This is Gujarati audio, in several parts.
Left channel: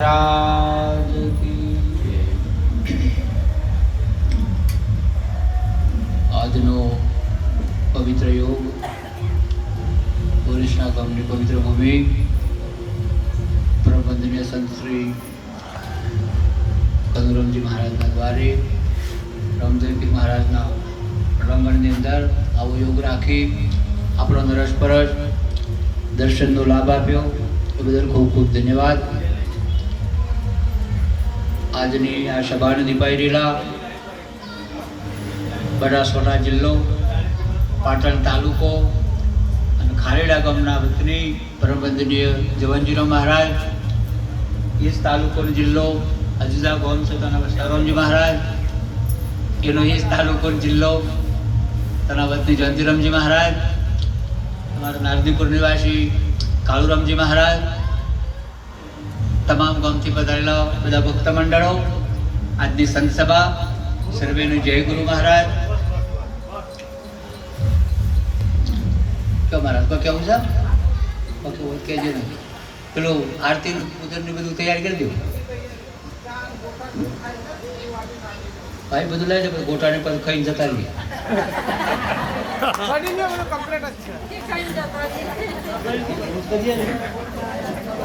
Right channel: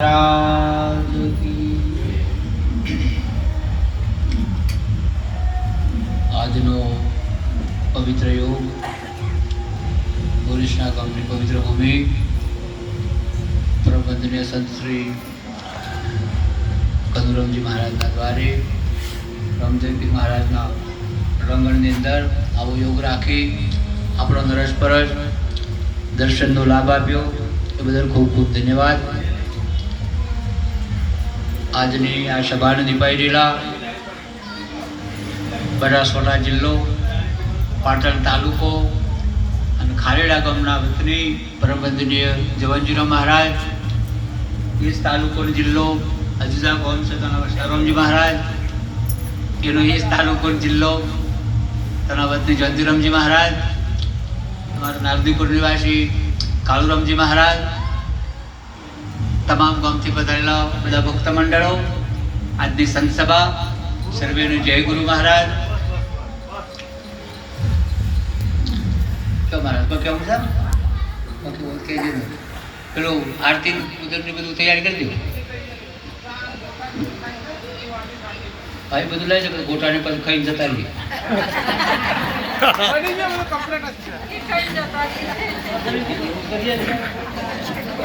महाराज की આજનો પવિત્ર યોગ પુરુષના ગામની પવિત્ર ભૂમિ પ્રબંધનીય સંત શ્રી કનુરામજી મહારાજના દ્વારે રામદેવજી મહારાજના રંગણની અંદર આવો યોગ રાખી આપણો નરસપરસ દર્શનનો લાભ આપ્યો એ બદલ ખૂબ ખૂબ ધન્યવાદ. આજની આ સભાને દીપાઈ રહેલા બનાસકાંઠા જિલ્લો પાટણ તાલુકો અને ખારેડા ગામના વતની પરમવંદનીય જવનજીરાવ મહારાજ, એ જ તાલુકોનો જિલ્લો અજીઝા ગામ છે તેના વસારામજી મહારાજ, એનો એ જ તાલુકોનો જિલ્લો તેના વતની જવનજીરામજી મહારાજ, તમારા નાગદીપુર નિવાસી કાળુરામજી મહારાજ, તમામ ગામથી પધારેલા બધા ભક્ત મંડળો, આજની સંત સભા સર્વેનું જય ગુરુ મહારાજ. મહારાજ કેવું છે કહેજો ને, પેલું આરતી ઉદરની બધું તૈયારી કરી દો ભાઈ, બધું લઈ જાવ, ગોટાને પછી ખાઈને જતા રહીએ.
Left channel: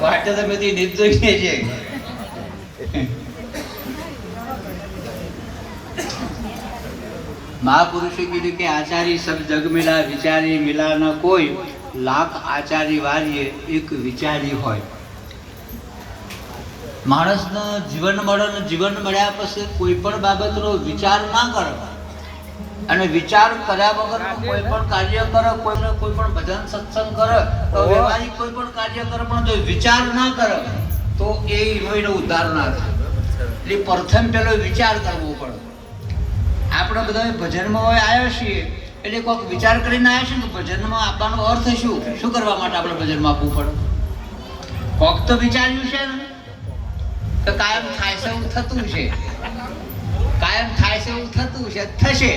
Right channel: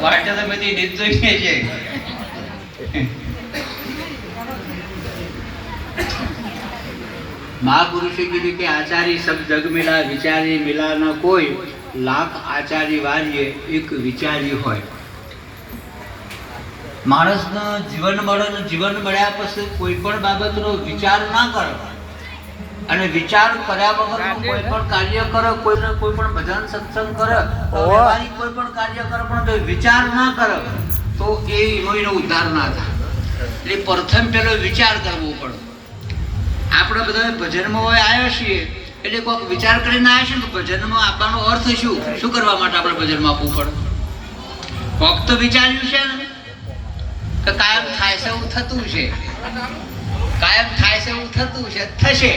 વાટ તો બધી રીત જોઈએ છે. મહાપુરુષે કીધું કે આચારી સબ જગ મિલા વિચારી મિલા ન કોઈ, લાખ આચારી વારીએ એક વિચારી હોય. માણસનો જીવન મળે ને જીવન મળ્યા પછી કોઈ પણ બાબતનો વિચાર ના કરો અને વિચાર કર્યા વગર કોઈ પણ કાર્ય કરે, કોઈ પણ ભજન સત્સંગ કરે, વ્યવહારિક કોઈ પણ કાર્ય કરે પણ જો વિચાર ના કરે તો એનો ઉદ્ધાર ના થાય. એટલે પ્રથમ પેલો વિચાર કરવો પડે. આપણે બધા ભજનમાં હોય આવ્યા છીએ એટલે કોઈક વિચાર કરીને આવ્યા છીએ કે ભજનમાં આપવાનો અર્થ શું કરવા માટે આપણે ભજનમાં આપવું પડે. કોક તો વિચાર્યું છે ને કે કાયમ થાય છે એવું થતું છે, કાયમ થાય છે એવું થતું છે, થશે.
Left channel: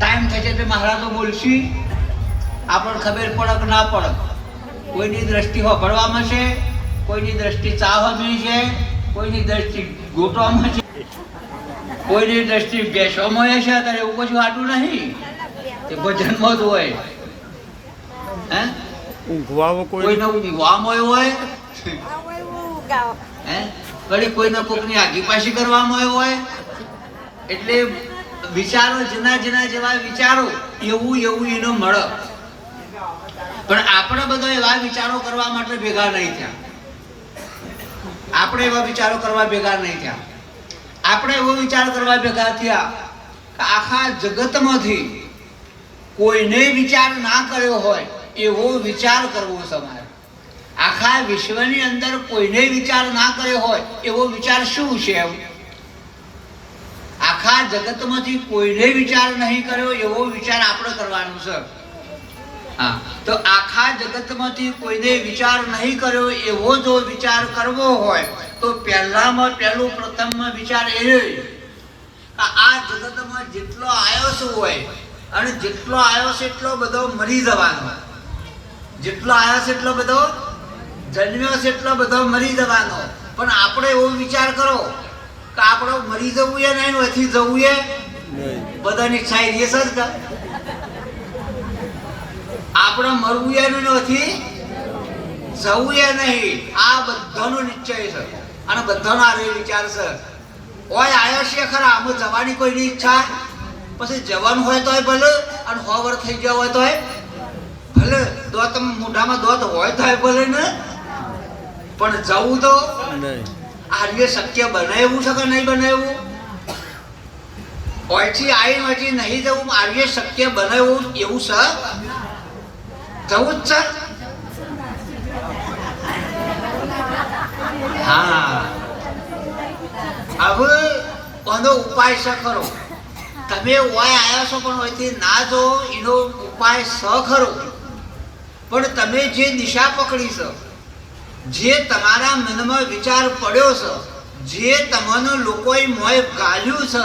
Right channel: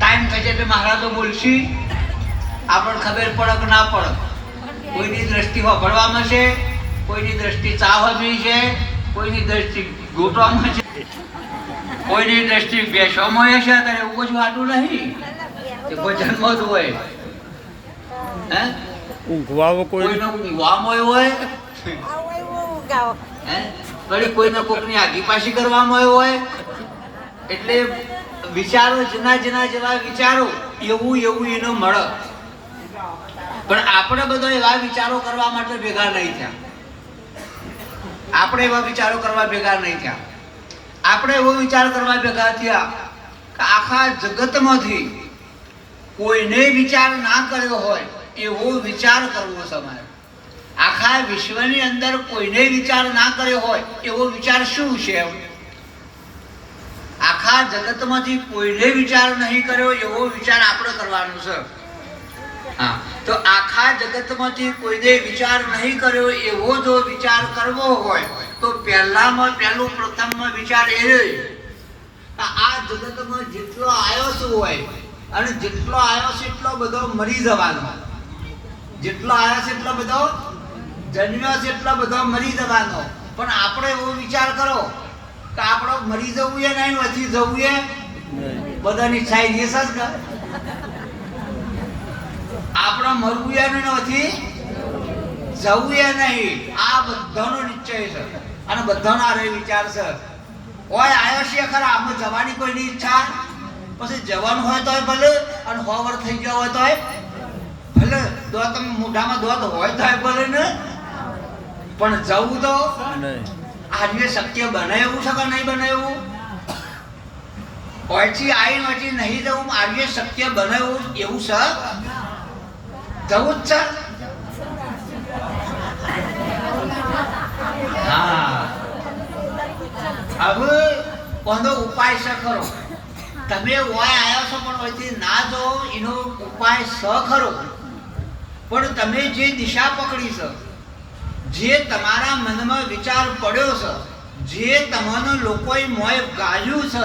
ટાઈમ થશે એટલે મહારાજો બોલશી, આપણને ખબર પડે કે ના પડે. કોઈની દ્રષ્ટિ વાપરવામાં છે, કોઈની દ્રષ્ટિ ચાહવાની છે, કોઈની દ્રષ્ટિ ગોટવામાં છે, કોઈની દ્રષ્ટિ બેસવામાં છે. ત્યારે એવું કશું આટલું નહીં કે ભજનમાં જ હોય. હે કોઈને ઊંઘવામાં હોય, વળી કોઈને કોકની આગી પાછી કરવામાં હોય. એટલે વિચારો જૂના જેવા વિચારો એવું એનો મળે. પણ આપણે બધા એવા વિચારો કરવા માટે ભેગા નહીં થયા. આપણે એવા વિચારો કરવા ભેગા નહીં થયા. આપણે એવો વિચાર કરવા ભેગા થયા કે આખા જગતમાંથી કોઈને વિચાર ના કર્યો હોય એવો વિચાર કરવો છે મારે. આખા વિશ્વની અંદર કોઈને વિચાર ના કર્યો હોય એવો વિચાર શું છે? આખા જગતમાંથી કોઈને વિચાર નહીં કર્યો એવો વિચાર આપણે કરવાનો છે. હા, તો આખા જગતમાંથી કોઈને વિચાર નહીં કર્યો એવો જો વિચાર કરવો હોય તો પહેલામાં પહેલું પ્રથમમાં વિચાર એ આ જગતમાં જેટલો આવ્યો શું હોય અને જેટલો આવ્યો છે એટલો બધો મરી જવાનો. જેટલો આવ્યો છે એટલો બધો જન્મ્યો છે, એટલો બધો મરી જવાનો. પણ આપણે એવો વિચાર કરો કે આપણે મરી જવું એ નહીં, નથી જવું એ બધાની ઈચ્છા એ જ કે આપણે મરવું એ નથી, જવું એ નહીં. આ બધાનો નિશ્ચય છે અને બધાનો આ વિચાર છે. ઓય આવ્યો છે ખરા, આમાં જવાની કોઈની ઈચ્છા, પછી જવાનું હોય તોય ભલે અને 100 વર્ષ થઈ ગયા હોય તોય ભલે, દોત મોઢામાં દોત હોય તોય ભલે ને, પણ જવું તો આજે શક્ય બને એવું છે કે નહીં બને એવું? ઓયથી આવીને ઓયથી નહીં જવું, આજે શક્ય બને એવું છે? જવું જ છે. હા, હવે કોનો ઉપાય છે ખરો? તમે ઓય આવ્યા છો પણ ઓયથી ના જો એનો ઉપાય સ ખરો. પણ તમે જે દિશા પકડી છે, જે તમારા મનમાં વિચાર પડ્યો છે, જે તમને લોકોએ મોય ગાલ્યું છે,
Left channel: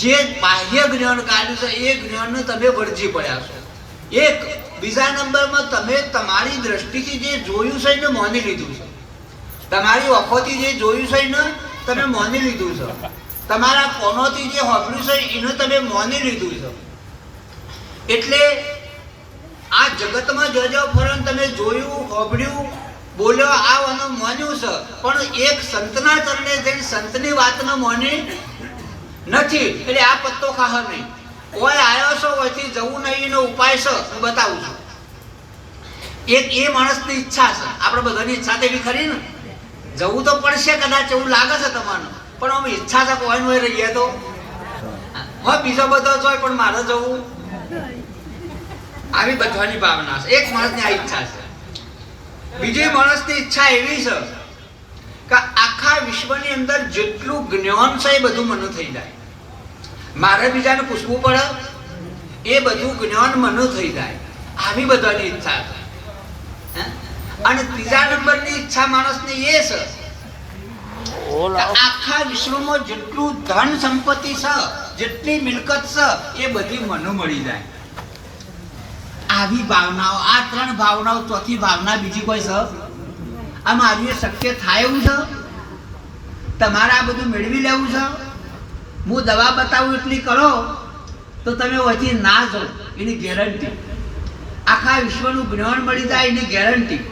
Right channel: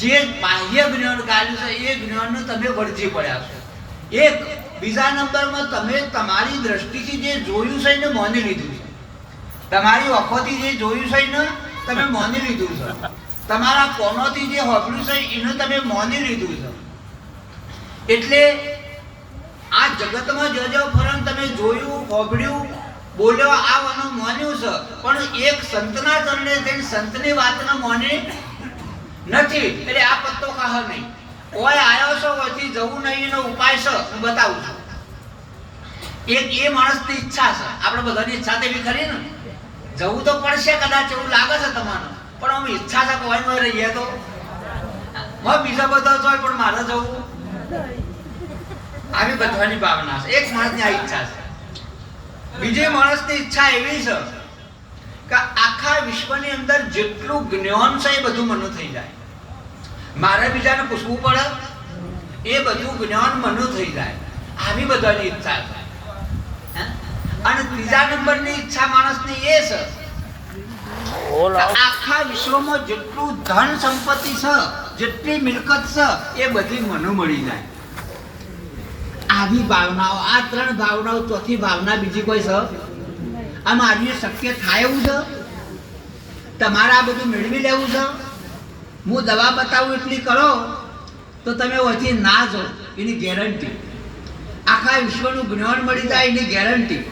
જે બાહ્ય જ્ઞાન ગાલ્યું છે, એ જ્ઞાનને તમે વળજી પડ્યા છો. એક બીજા નંબરમાં તમે તમારી દ્રષ્ટિથી જે જોયું છે એને માની લીધું છે. તમારી વખોથી જે જોયું છે ને તમે માની લીધું છે, તમારા કોનોથી જે હોભળ્યું છે એનું તમે માની લીધું છે. એટલે આ જગતમાં જજો ફરન તમે જોયું, હોભળ્યું, બોલ્યો, આ વાનું માન્યું છે, પણ એક સંતના ચરણે જઈને સંતની વાતને માની નથી. એટલે આ પત્તો ખાહર નહીં. કોઈ આવ્યો છો ઓયથી જવું નહીં એનો ઉપાય છે હું બતાવું છું. એક એ માણસની ઈચ્છા છે, આપણે બધાની ઈચ્છા તો એવી ખરી ને, જવું તો પડશે કદાચ એવું લાગે છે તમને, પણ આમ ઈચ્છા છે કોઈ હોય રહીએ તો બીજો બધો જોય પણ મારે જવું, આવી બધાની ભાવના છે. એક માણસની આ ઈચ્છા છે. બીજી માણસની ઈચ્છા એવી છે કે આખા વિશ્વની અંદર જેટલું જ્ઞાન છે એ બધું મને થઈ જાય, મારે બીજાને પૂછવું પડે એ બધું જ્ઞાન મને થઈ જાય, આવી બધાની ઈચ્છા છે. અને ત્રીજા નંબરની ઈચ્છા માણસની એ છે આખા વિશ્વમાં જેટલું ધન સંપત્તિ છે, જેટલી મિલકત છે એ બધી મને મળી જાય. આવી ભાવનાઓ, આ ત્રણ ભાવનાઓ, ચોથી ભાવના બીજી કોઈ છે? આ મારી શક્ય થાય એવું છે? તમારે આ બધું મેળવી લેવું છે? હું દવા બતાવું એટલી કરો તો તમે ઓછી ના જાઓ એની ગેરંટી. આખા વિશ્વનું જ્ઞાન મળી જાય એની ગેરંટી,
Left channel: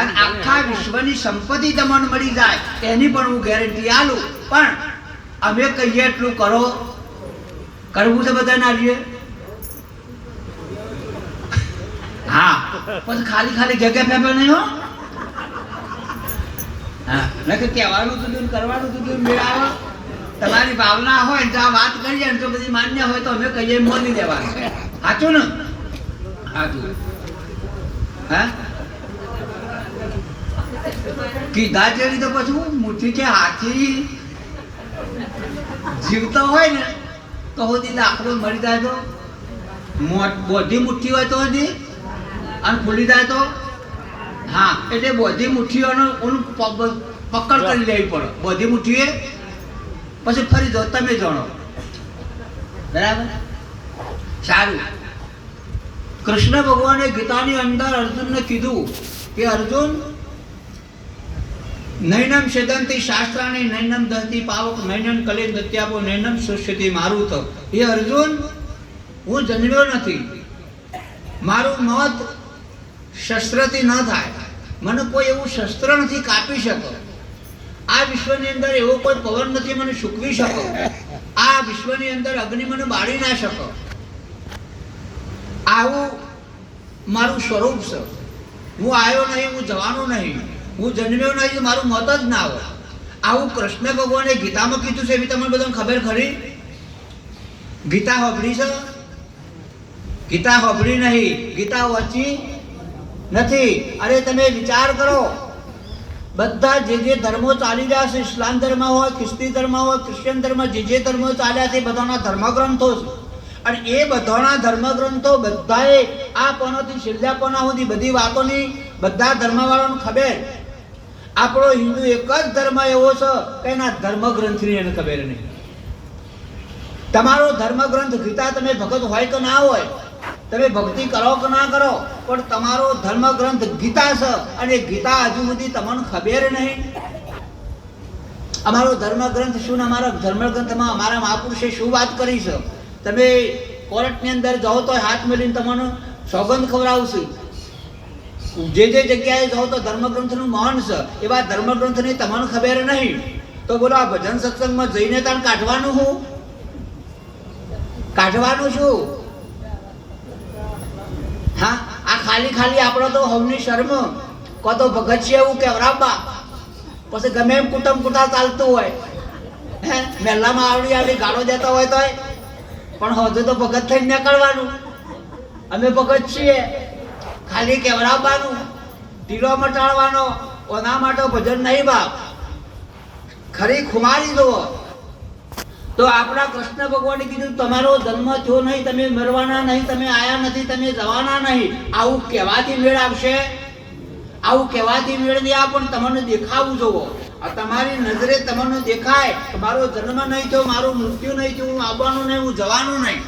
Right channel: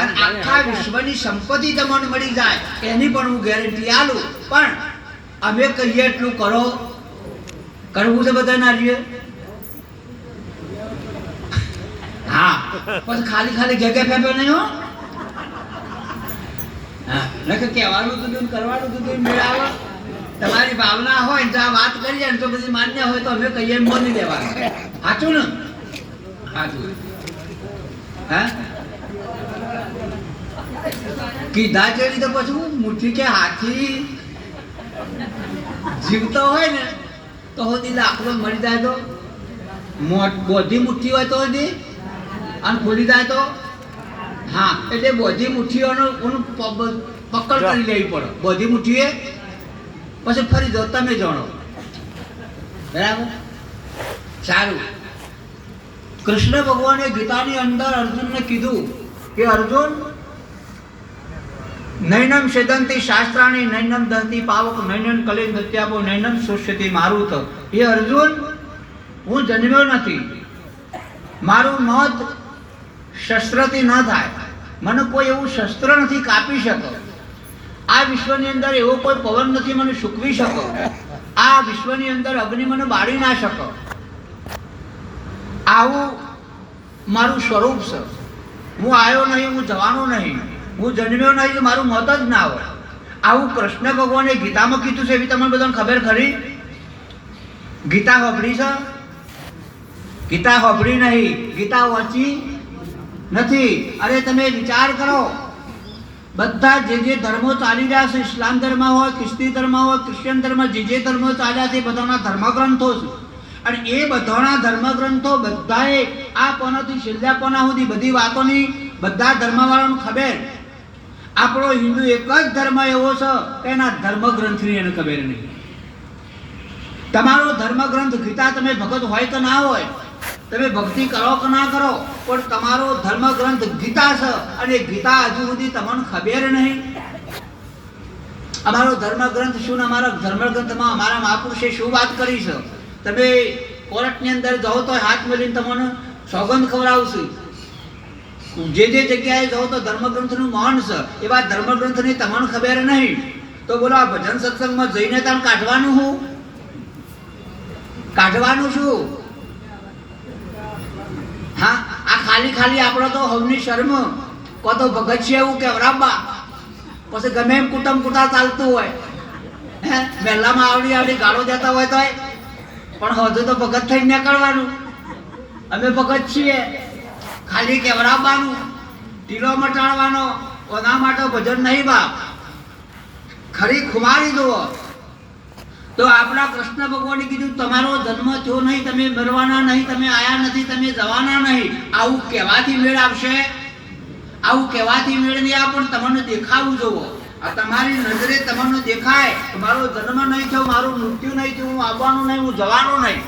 અને આખા વિશ્વની સંપત્તિ તમને મળી જાય એની પણ હું ગેરંટી આલું. પણ અમે કહીએ એટલું કરો, કરવું છે બધા ના રહીએ. હા, પછી ખાલી ખાલી ઘેઘે ફેફે નહીં હો. હા, નકર કહેવાનું હતું કરવાનું હતું મેળાવો. તમારી ભાવના હોય તો આ વાત કરીએ ને તો બધી માન્ય હોય તો અમે કહીએ માની દેવાનું. સાચું ને? હા, કીધા ચડી તો પછી મુઠ્ઠી કે હાથી જીવતો હોય ને તો હોતી દાખલો મળી જાય તો બોધી મુઠ્ઠી હોય તો હોતી અને ખુલી જાય તો હા, એટલે બોધી મુઠ્ઠીઓનું પકડ કરી લેવી પડે. બોધી મુઠ્ઠીએ પછી ફરી જાઓ, તમે જાણો. બરાબર, સારું. કૃષ્ણ ભગવાને ગીતાની અંદર અર્જુનને કીધું કે અર્જુન, નૈનમ સેદંતી શાસ્ત્રાણી નૈનમ દંતી પાવક નૈનમ કલે દત્યાપો નૈનમ સુષ્યતિ મારું તો. એ અર્જુન, હું જન્મ્યો નથી, મારું મોત શસ્ત્રથી ન થાય, મને કોઈ એવું શસ્ત્ર નથી કાપી શકો, આ વિશ્વની અંદર એવો કોઈ પવન નથી મને સૂકવી શકો, આ વિશ્વની અંદર અગ્નિ મને બાળી ના શકો. આવું મારું સ્વરૂપ છે. હું આવ્યો નહીં, હું જવાનો નહીં, હું જન્મ્યો નહીં, મારું મોત જ ના હોય. આવું કૃષ્ણ ભગવાને ગીતામાં કીધું છે. એવી તમને બધાને ખબર ખરી? ગીતા સાંભળી છે? ગીતા સાંભળી નહીં, ગીતા વાંચી નથી. અરે તમે વિચાર કરો, બધા જે ધર્મો ચાલી રહ્યા છે, ઇસ્લામ ધર્મ હોય, ખ્રિસ્તી ધર્મ હોય, ક્રિશ્ચિયન ધર્મ, જે ધર્મો ચાલ્યા છે બધાના ધર્મગ્રંથો છે. અને એ બધાના ધર્મગ્રંથો બધાએ આ કોનાથી છેલ્લા કોના સુધી બધી વાતોની બધા ધર્મવાળાને ખબર. આપણો હિન્દુ એક જ ધર્મ એવો છે કે એના ધર્મગ્રંથની એને ખબર નહીં. તમારો ધર્મગ્રંથ ગીતા તમે ભગત હોય કે ના હોય, તમે ભક્તિ કરો કે ના કરો, પણ તમારો ધર્મગ્રંથ ગીતા છે અને ગીતા હજુ સુધી તમને ખબર નહીં. અમારો ધર્મગ્રંથ શું, અમારા ધર્મગ્રંથમાં અમારા મહાપુરુષે શું વાત કરી છે? તમે કોર્ટની અંદર જાઓ તો હાથ મેળવીને તમને સોગંદ ખવડાવશે. જે જગ્યાએ જાઓ તો ધર્મગ્રંથનું મહાન છે, એવા ધર્મગ્રંથની તમને ખબર નહીં તો બોલો આ ભજન સત્સંગમાં જઈને તમે કાઢવાનું શું? કાઢવાનું શું? હા, આ ખાલી ખાલી આપણો તો હવની શર્મ કો તો ભગત છે એવું કેવરાબા, પછી ગમે એમ કુટુંબ કુટા ચાલતું હોય, હે મહેલામાં આવડી ગાળો દેતા હોય તો પણ હજુ તો ભગત થઈને નીકળવાનું. અમે ભગત છીએ, ખાલી કેવરાવવાનું, ઢીલો મટાડવાનો, ઓના માટે ભજન નહીં બાપ. ખરી ખુમારી જુઓ તો આપણા કૃષ્ણ ભગવાને કીધું તમારો જન્મ થયો નહીં, તમે મરવાના નહીં, તમે આયા નથી, તમે જવાના નહીં. આવું કહેવાથી મેળ આવશે? આવું કહેવાથી મેળ નહીં આવે, પણ તમને દેખાવું જોવો. આ તમારી નજરે તમને દેખાય મારો જન્મ નહીં થયો, મારું મૃત્યુ નહીં થયું, હું આવવાનું નહીં, હું જવાનું નહીં,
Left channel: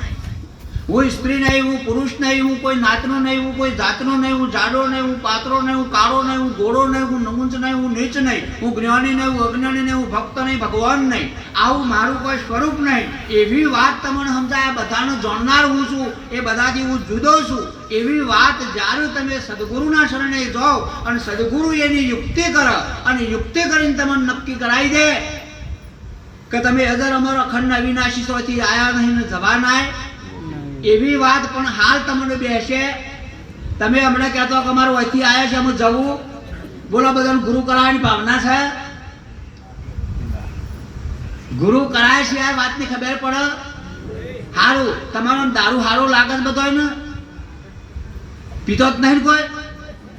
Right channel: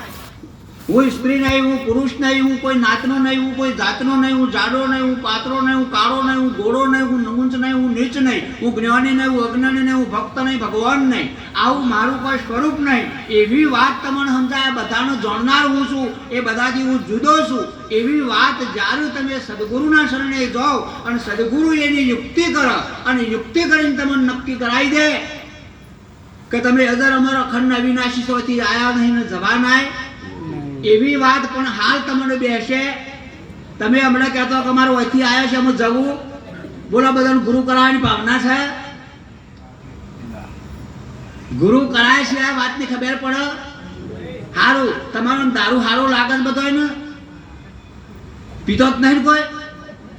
હું સ્ત્રી નહીં, હું પુરુષ નહીં, હું કોઈ નાતનો નહીં, હું કોઈ જાતનો નહીં, હું જાડો નહીં, હું પાતળો નહીં, હું કાળો નહીં, હું ગોળો નહીં, હું નમૂંચ નહીં, હું નીચ નહીં, હું જ્ઞાની નહીં, હું અજ્ઞાની નહીં, હું ભક્ત નહીં, ભગવાન નહીં, આવું મારું કોઈ સ્વરૂપ નહીં. એવી વાત તમને સમજાય, બધાનો જાણનાર હું છું, એ બધાથી હું જુદો છું. એવી વાત જ્યારે તમે સદગુરુના શરણે જાઓ અને સદગુરુ એની યુક્તિ કરે અને યુક્તિ કરીને તમને નક્કી કરાવી દે કે તમે અજર અમર અખંડ અવિનાશી સોથી આયા નહીં ને જવાનાય, એવી વાત પણ હાલ તમને બેસે. તમે હમણાં કહેતો કે અમારું અહીંથી આવ્યા છે, અમે જવું, બોલો બધાને ગુરુ કરાવવાની ભાવના છે? ગુરુ કરાય છે આ વાતની ખબર પડે? હારું તમારો દારૂ હારો લાગે બધો ને, પીતો જ નહીં કોઈ?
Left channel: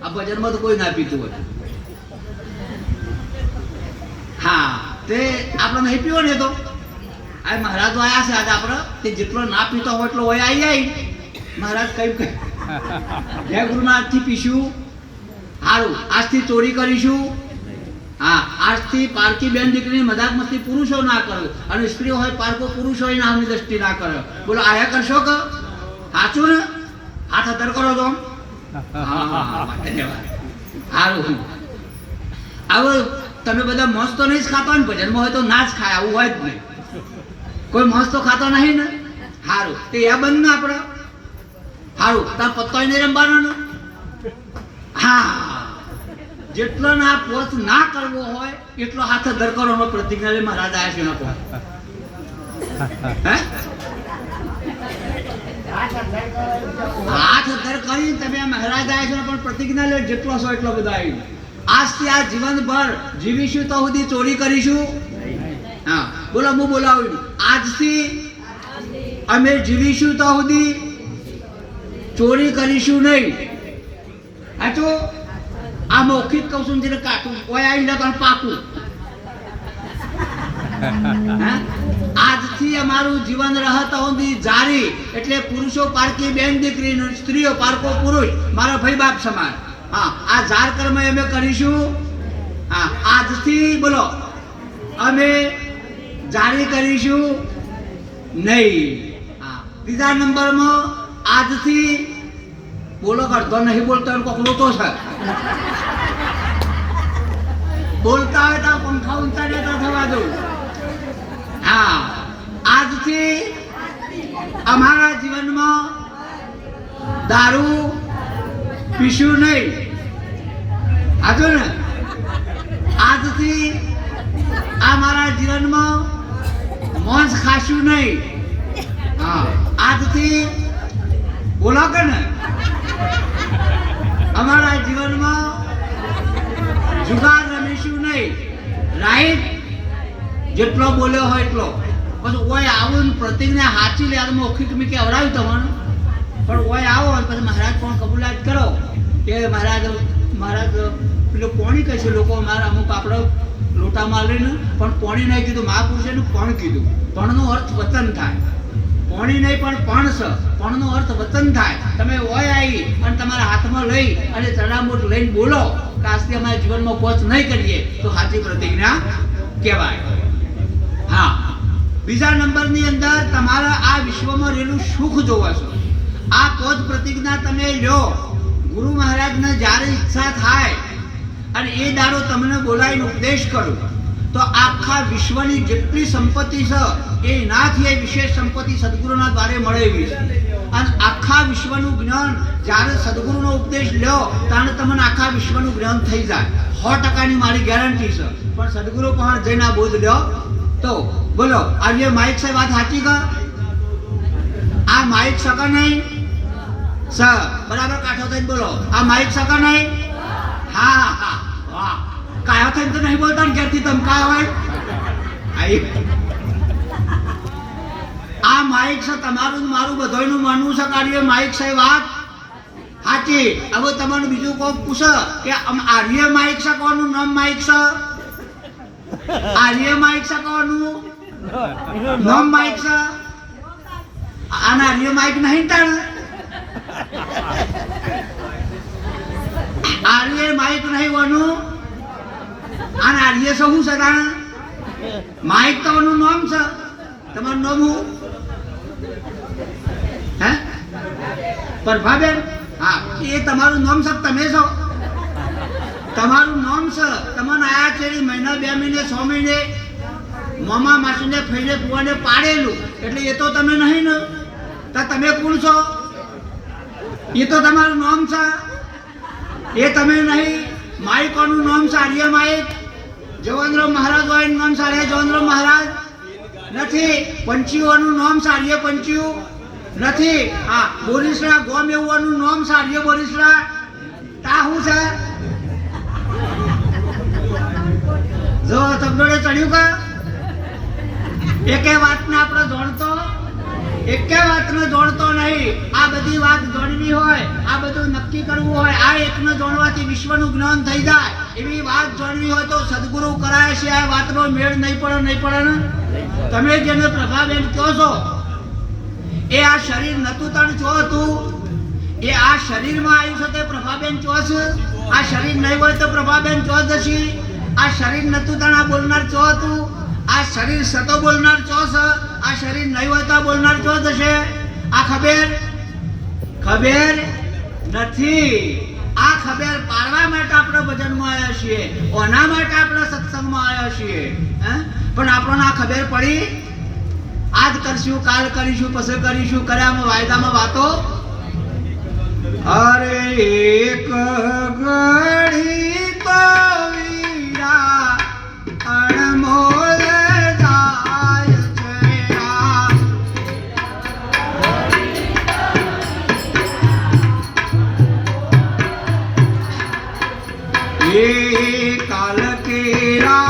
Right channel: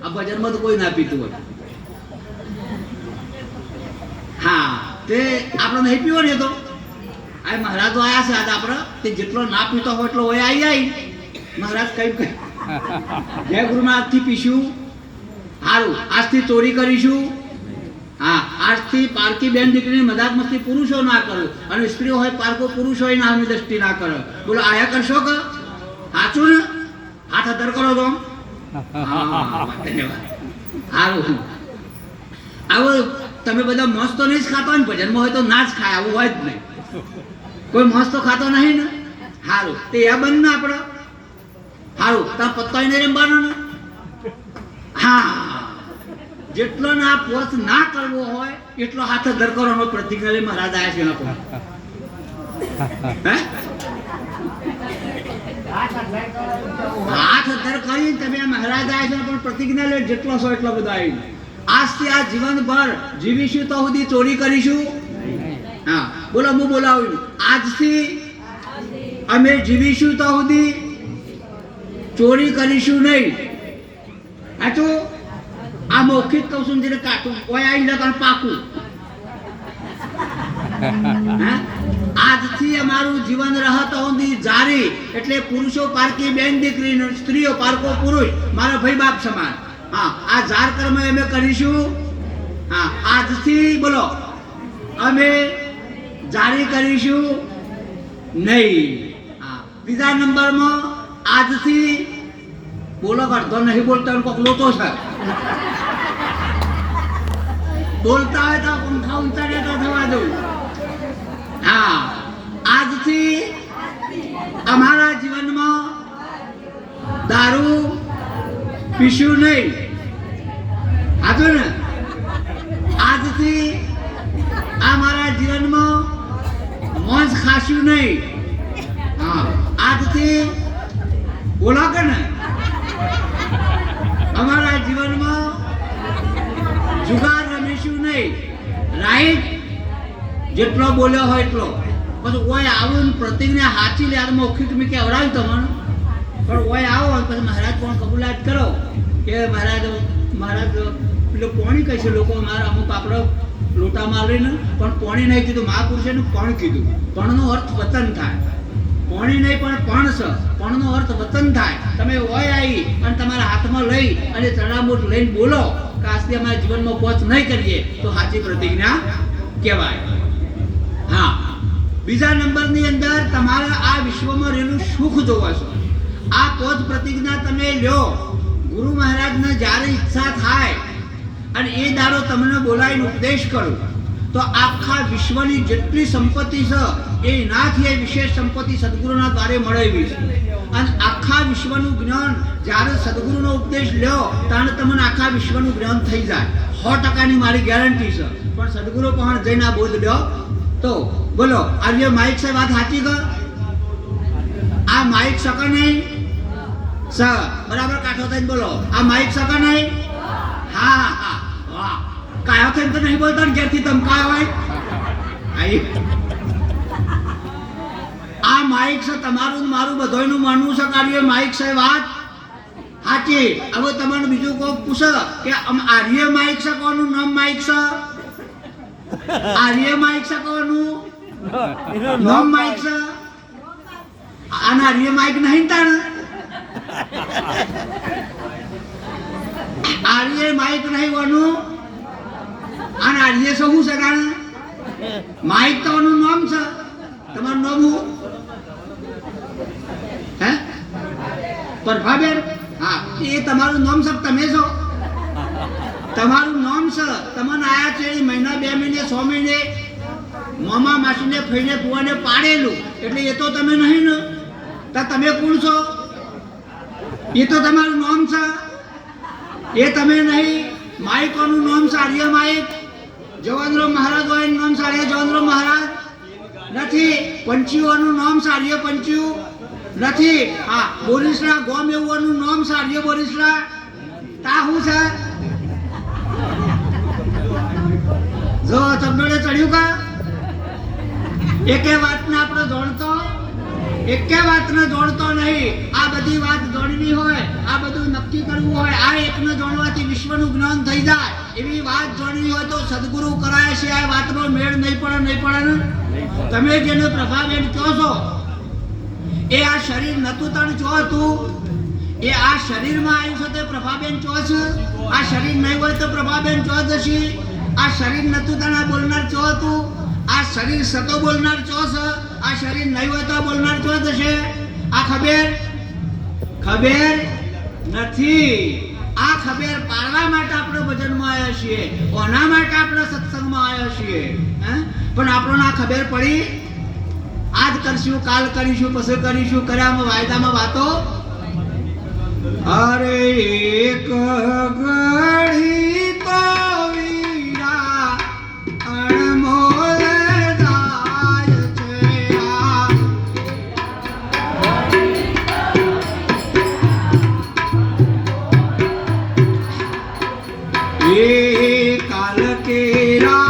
આ ભજનમાં તો કોઈ ના પીતું હોય. હા, તે આપણે નહીં પીવો ને તો આ મહારાજ તો આયા છે આજે આપણે, તે જેટલો ના પીતો હોય એટલો હોય આવી મહારાજ કઈ જય ગુરુનાથથી પીશું. સારું, આજથી ચોરી કરીશું. હા, આજથી પારકી બેન દીકરીની મજાક મસ્તી પુરુષો ના કરે અને સ્ત્રીઓ હોય પારકો પુરુષ હોય નામની દ્રષ્ટિ ના કરે. બોલો આયા કરશો કે? સાચું ને? હાથ અધર કરો છો. સારું, આવો તમે બધા મસ્ત તો નહીં જ ખાતો ને, ભજનમાં હોય તો ના જ ખાય, આવું હોય જ નહીં. કોઈ મસ્ત તો ખાતો નહીં ને? સારું, તે એ બંધ ને આપણે. સારું, તાર પત્તો નહીં રમવાનો ને? હા, જેટલો ના પોત ના કરવો હોય એટલો હાથ ધર કરો. પ્રતિજ્ઞા મહારાજ આવ્યા છે લોકો. હાથ ધર કરી તમે મહારાજ આવ્યા છે પણ પ્રતિજ્ઞા લે જેટલો છો એટલો બધો આવી. આજથી આ જીવનભર જીવીશું તો સુધી ચોરી કરીશું. હા, બોલો હું બોલાવું. આજથી અમે જીવીશું તો સુધી ચોરી કરીશું નહીં. સાચું? આ મૌખિક કહું છું, જેને કાઢું કોઈ આવી લગન પાકું. આજથી અમારું જીવન રહત સુધી જારી, એટલે પુરુષો પારકી બેન દીકરી, સ્ત્રીઓ પારકો પુરુષ, મારા ભાઈ બાપ સમાન. હા, આ જાર કર્મ અમે કરીશું. હા, આજથી બોલો અમે જારી કરીશું નહીં. હા, ત્રીજા નંબરમાં આજથી બોલો કરતો નહીં, બોલતો કોક લોતો છે. બોલતા હોય તો પંખા ઊંચા રહેતા થવા દઉં. હા, આજથી અમારા જીવનમાં દારૂ પીશું નહીં. હાજુ ને? આજથી અમારા જીવનમાં મોજ ખાશું નહીં. હા, આજથી બોલો કે ને અમારા જીવનમાં જુગાર રમીશું નહીં. રાઈટ? જેટલો બોલ્યો હોય એટલો. પછી ઓય આવું પ્રતિજ્ઞા સાચી લે. મૌખિક મેં કહેવડાવ્યું તમને, પણ ઓય આવો પછી મહારાજ પણ કબૂલાત કરો કે મહારાજ પેલું પોણી કહે છે લોકો અમારા અમુક આપણે લોટા મારીને, પણ પોણી નહીં કીધું, મહાપુરુષે પણ કીધું. પણનો અર્થ વતન થાય. પોણી નહીં પણ પણ છે. પણનો અર્થ વતન થાય. તમે ઓય આવી અને તમારા હાથમાં લઈ અને ચરણામૂળ લઈને બોલો કે આજથી અમારા જીવનમાં પોચ નહીં કરીએ તો સાચી પ્રતિજ્ઞા કહેવાય. હા, બીજા નંબરની અંદર તમારા આ વિશ્વમાં રહેલું સુખ જોવાશો. આ પોચ પ્રતિજ્ઞા તમે લ્યો. ગુરુ મહારાજને જ્યારે ઈચ્છા થાય અને એ દાડો તમને બોલાવીને ઉપદેશ કરું તો આખા વિશ્વની જેટલી સંપત્તિ છે એ નાથી એ વિશેષ સંપત્તિ સદગુરુના દ્વારે મળેવી છે. અને આખા વિશ્વનું જ્ઞાન જ્યારે સદગુરુનો ઉપદેશ લ્યો ત્યારે તમને આખા વિશ્વનું જ્ઞાન થઈ જાય. 100% મારી ગેરંટી છે. પણ સદગુરુ પણ જઈને આ બોધ લ્યો તો બોલો આજે માઇક સાહેબ વાત સાચી કા? આ માઇક સકા નહીં સર? બરાબર કાઠો થઈને બોલો. આ માઇક સકા નહીં? હા હા વાહ. કાયો થઈને તો નહીં બોલતા ને ક્યારથી તમે કાયો હોય? આ માઇક છે તમારું મારું બધાનું માનવું છે કાર્ય માઇક છે વાત સાચી. હવે તમારું બીજું કોક પૂછે કે આર્ય માઇક છે, કોનું નામ માઇક છે? આર્ય માઇક છે, કોનું નામ માઇક છે? આના આર્ય માઇક નહીં તાણ. આર્ય માઇક નહીં કોનું? અને આર્ય શું છે કારણ? માઇક તો નામ છે. તમારું નામ હું હે? પ્રભાબેન, હા, એ તમારું નામ છે, તમે છો? તમારું નામ છે, તમને આયા છે મહિના 2 મહિને 6 મહિને મામા માસીને ફઈને પુવાને પાડેલું, એટલે એ તો તમે નહીં ને? તો તમે કોણ છો? એ તો તમારું નામ છે, એ તમે નહીં. માઇકોનું નામ છે આર્ય માઇક. જવાનરાવ મહારાજ હોય નામ છે આર્ય જવાનરાવ મહારાજ નથી. પંચીઓનું નામ છે આર્ય પંચીઓ નથી. હા, બોરીસરા ગોમ એવોનું નામ છે આર્ય બોરીસરા. તા શું છે? જો ચગડે ચડ્યું કા? એકે વાતને આપણે જોડતો, એકે વાતને જોડતો નહીં. આ બધી વાત જોડવી હોય, આ બધું નક્કી કરવું હોય, આ એકને જોડવાથી વિશ્વનું જ્ઞાન થઈ જાય એવી વાત જોડવી હોય તો સદગુરુ કરાય છે. આ વાતનો મેળ નહીં પડે ને? તમે જેને પ્રભાબેન કહો છો એ આ શરીર નતું તણ ચો હતું, એ આ શરીરમાં આવ્યું છે તે પ્રભાબેન ચો છે. આ શરીર નહીં હોય તો પ્રભાબેન ચો જશે. આ શરીર નતું તણ આ બોલનાર ચો હતું. આ શરીર સતો બોલનાર ચો છે. આ શરીર નહીં હોય તો બોલનાર ચો જશે. આ ખબર નથી. આ ખબર પાડવા માટે આપણે ભજનમાં આવ્યા છીએ, ઓના માટે આપણે સત્સંગમાં આવ્યા છીએ. પણ આપણને આ ખબર પડી? આજ કરશું, કાલ કરીશું, પછી કરીશું, કર્યામાં વાયદામાં વાતો. અરે એક ઘડી તો વીરા અણમોલ જાય છે. એ કાલ કેરા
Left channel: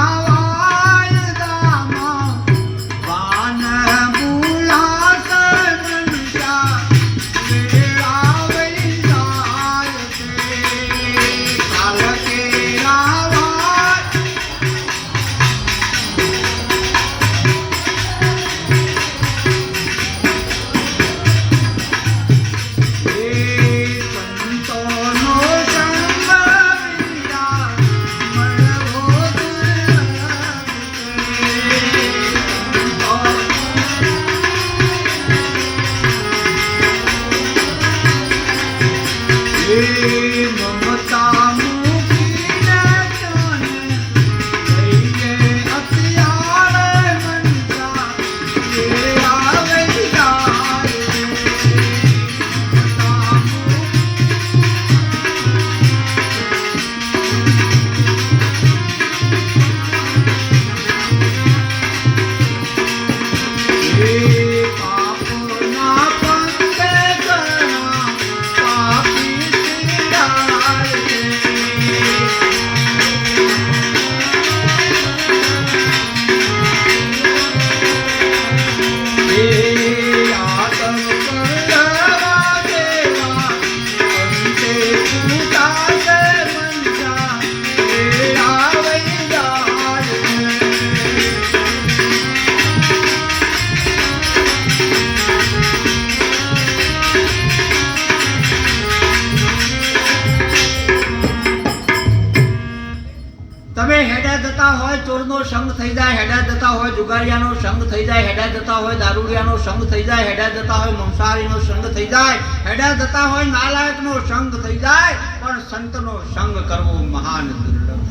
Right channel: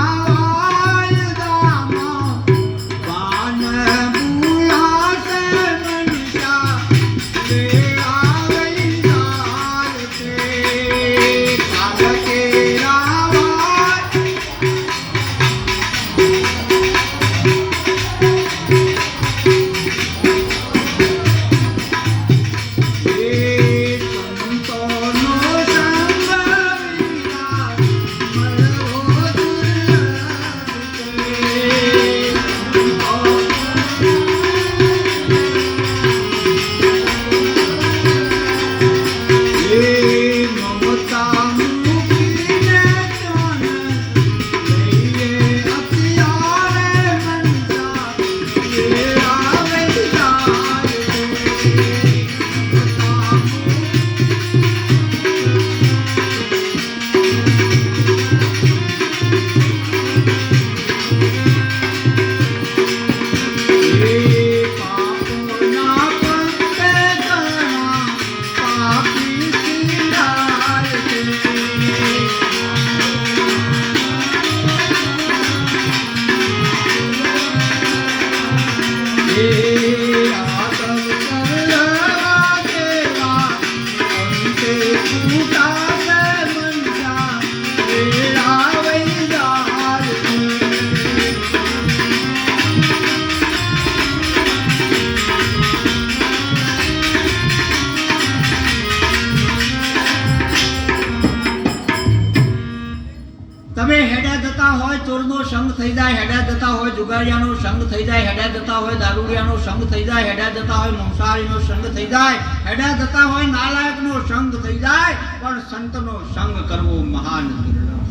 તમે હેડા જતા હોય ચોરનો સંગ થઈ જાય, હેડા જતા હોય જુગારિયાનો સંગ થઈ જાય, હેડા જતા હોય દારૂડિયાનો સંગ થઈ જાય, હેડા જતા હોય મંસારીનો સંગ થઈ જાય, હેડા જતા હોય નાલાયકનો સંગ થઈ જાય, પણ સંતનો સંગ કરવો મહાન દુર્લભ.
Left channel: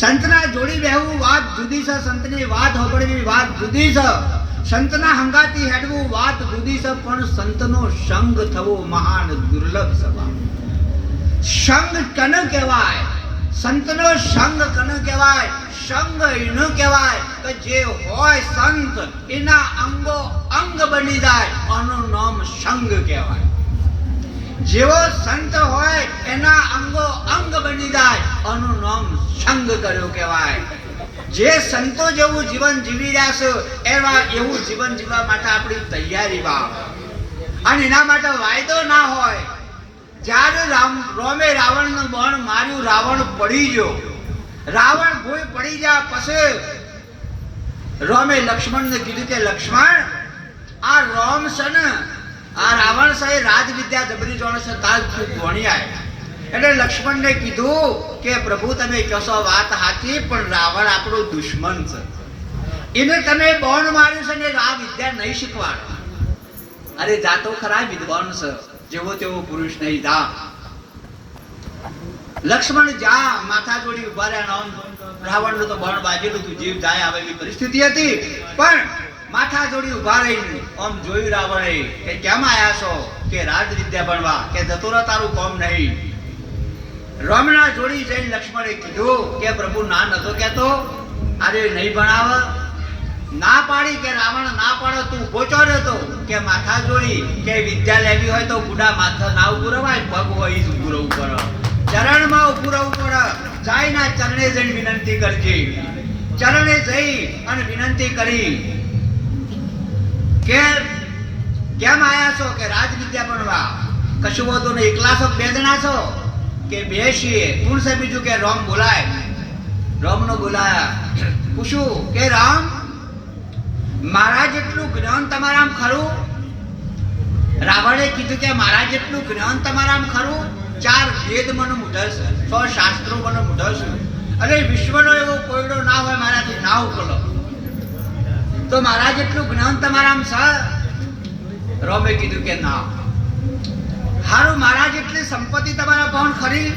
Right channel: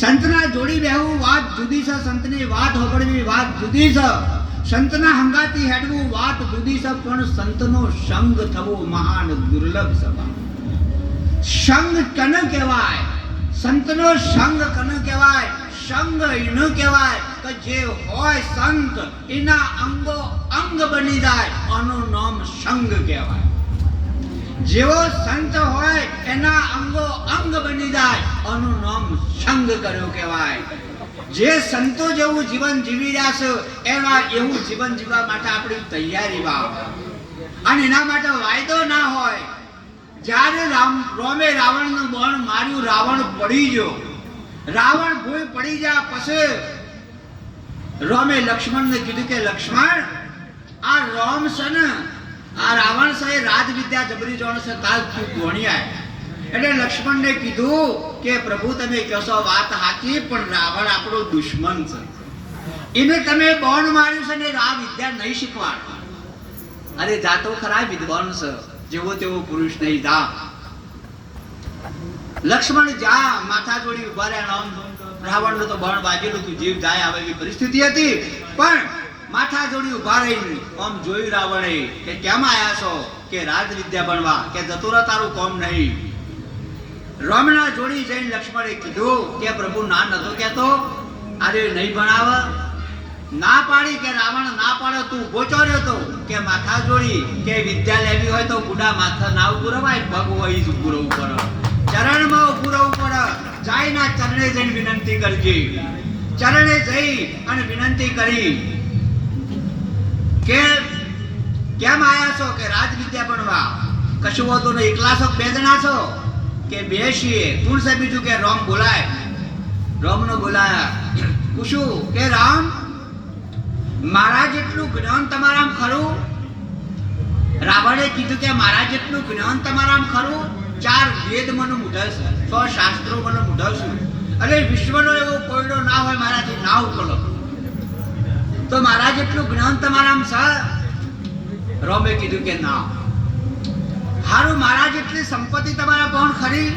સંતના જોડી રહેવું વાત જુદી છે, સંતની વાત સાંભળવી વાત જુદી છે, સંતના હંગાતી હેડવું વાત જુદી છે, પણ સંતનો સંગ થવો મહાન દુર્લભ છે. સંગ કને કહેવાય? સંતનો સંગ કને કહેવાય? સંગ એનો કહેવાય કે જે હોય સંત એના અંગો અંગ બની જાય, આનું નામ સંગ કહેવાય. જેવો સંત હોય એના અંગો અંગ બની જાય, આનું નામ સંગ કર્યો કહેવાય. જે સંતો જેવું જીવન જીવી રહ્યા છે એવું જીવન જીવવા માટે આપણી તૈયારી વા, અને એના માટે વાયદો ના હોય. જ્યારે રોમે રાવણનું બાણ માર્યું, રાવણ પડી ગયો, રાવણ ભૂલ પડી ગયા પછી રોમે લક્ષ્મણને કીધું કે લક્ષ્મણ, આ રોમ છે ને, આ રાવણ છે રાજ વિદ્યા જબરી જોણ છે, તાલ ભણી આય. એટલે લક્ષ્મણને કીધું કે પ્રભુ તમે કહેશો વાત સાચી, પણ રાવણ આપણો દુશ્મન છે, એને તમે બાણ માર્યું છે ને આ વિદ્યા નહીં શીખવાડવા. અરે જાતો ખરા વિદ્વાન છે, જેવો તેવો પુરુષ નહીં જા. લક્ષ્મણ જા માથા જોડી ઉભા રહ્યા. રાવણનું તો બળ બાજેલું તું, જીવ જાય આવે એવી પરિસ્થિતિ હતી, પણ માથા જોડી ઉભા રહીને આમ જોયું રાવણે કે કેમ આયા છો? કે રાજ વિદ્યા ભણવા. કે જતો રહે, તારું કોમ નહીં. રામના જોડી જઈને લક્ષ્મણે કીધું કે પ્રભુ ના નતો કહેતો, અરે નહીં ભણાવ. ના પાડી. કે રાવણ ના પાડો, તું ઉભો ચોર્યો તો. કે માથા જોડી કે વિદ્યા લેવી હોય તો બુડા માથા ના ઉભું રવાય, પગ હોય જ ઉભું રહેવું પડે, ચરણમાં ઉભું રહેવું પડે. જાયના ચરણે જઈને વિનંતી કરજે. ચરણે જઈ અને વિનંતી કરી કે કેમ આયા છો? કે રાજ વિદ્યા ભણવા. કશું હોતું નહીં, એકલા છો? બે જણા છો? કે બે છીએ. કોણ છે બીજું? કે રામ બોલાય. રામનો બોલાયા. પૂછું કે રામ, મારા જેટલું જ્ઞાન તમારામાં ખરું? રાવણે કીધું કે મારા જેટલું જ્ઞાન તમારામાં ખરું? 4 વેદ મને મૂઢા છે, 6 શાસ્ત્રો મને મૂઢા છે, અને વિશ્વનો એવો કોયડો ના હોય મારાથી ના ઉકલો. તો મારા જેટલું જ્ઞાન તમારામાં છે? રામે કીધું કે ના. હારું, મારા જેટલી સંપત્તિ તમારા પણ ખરી?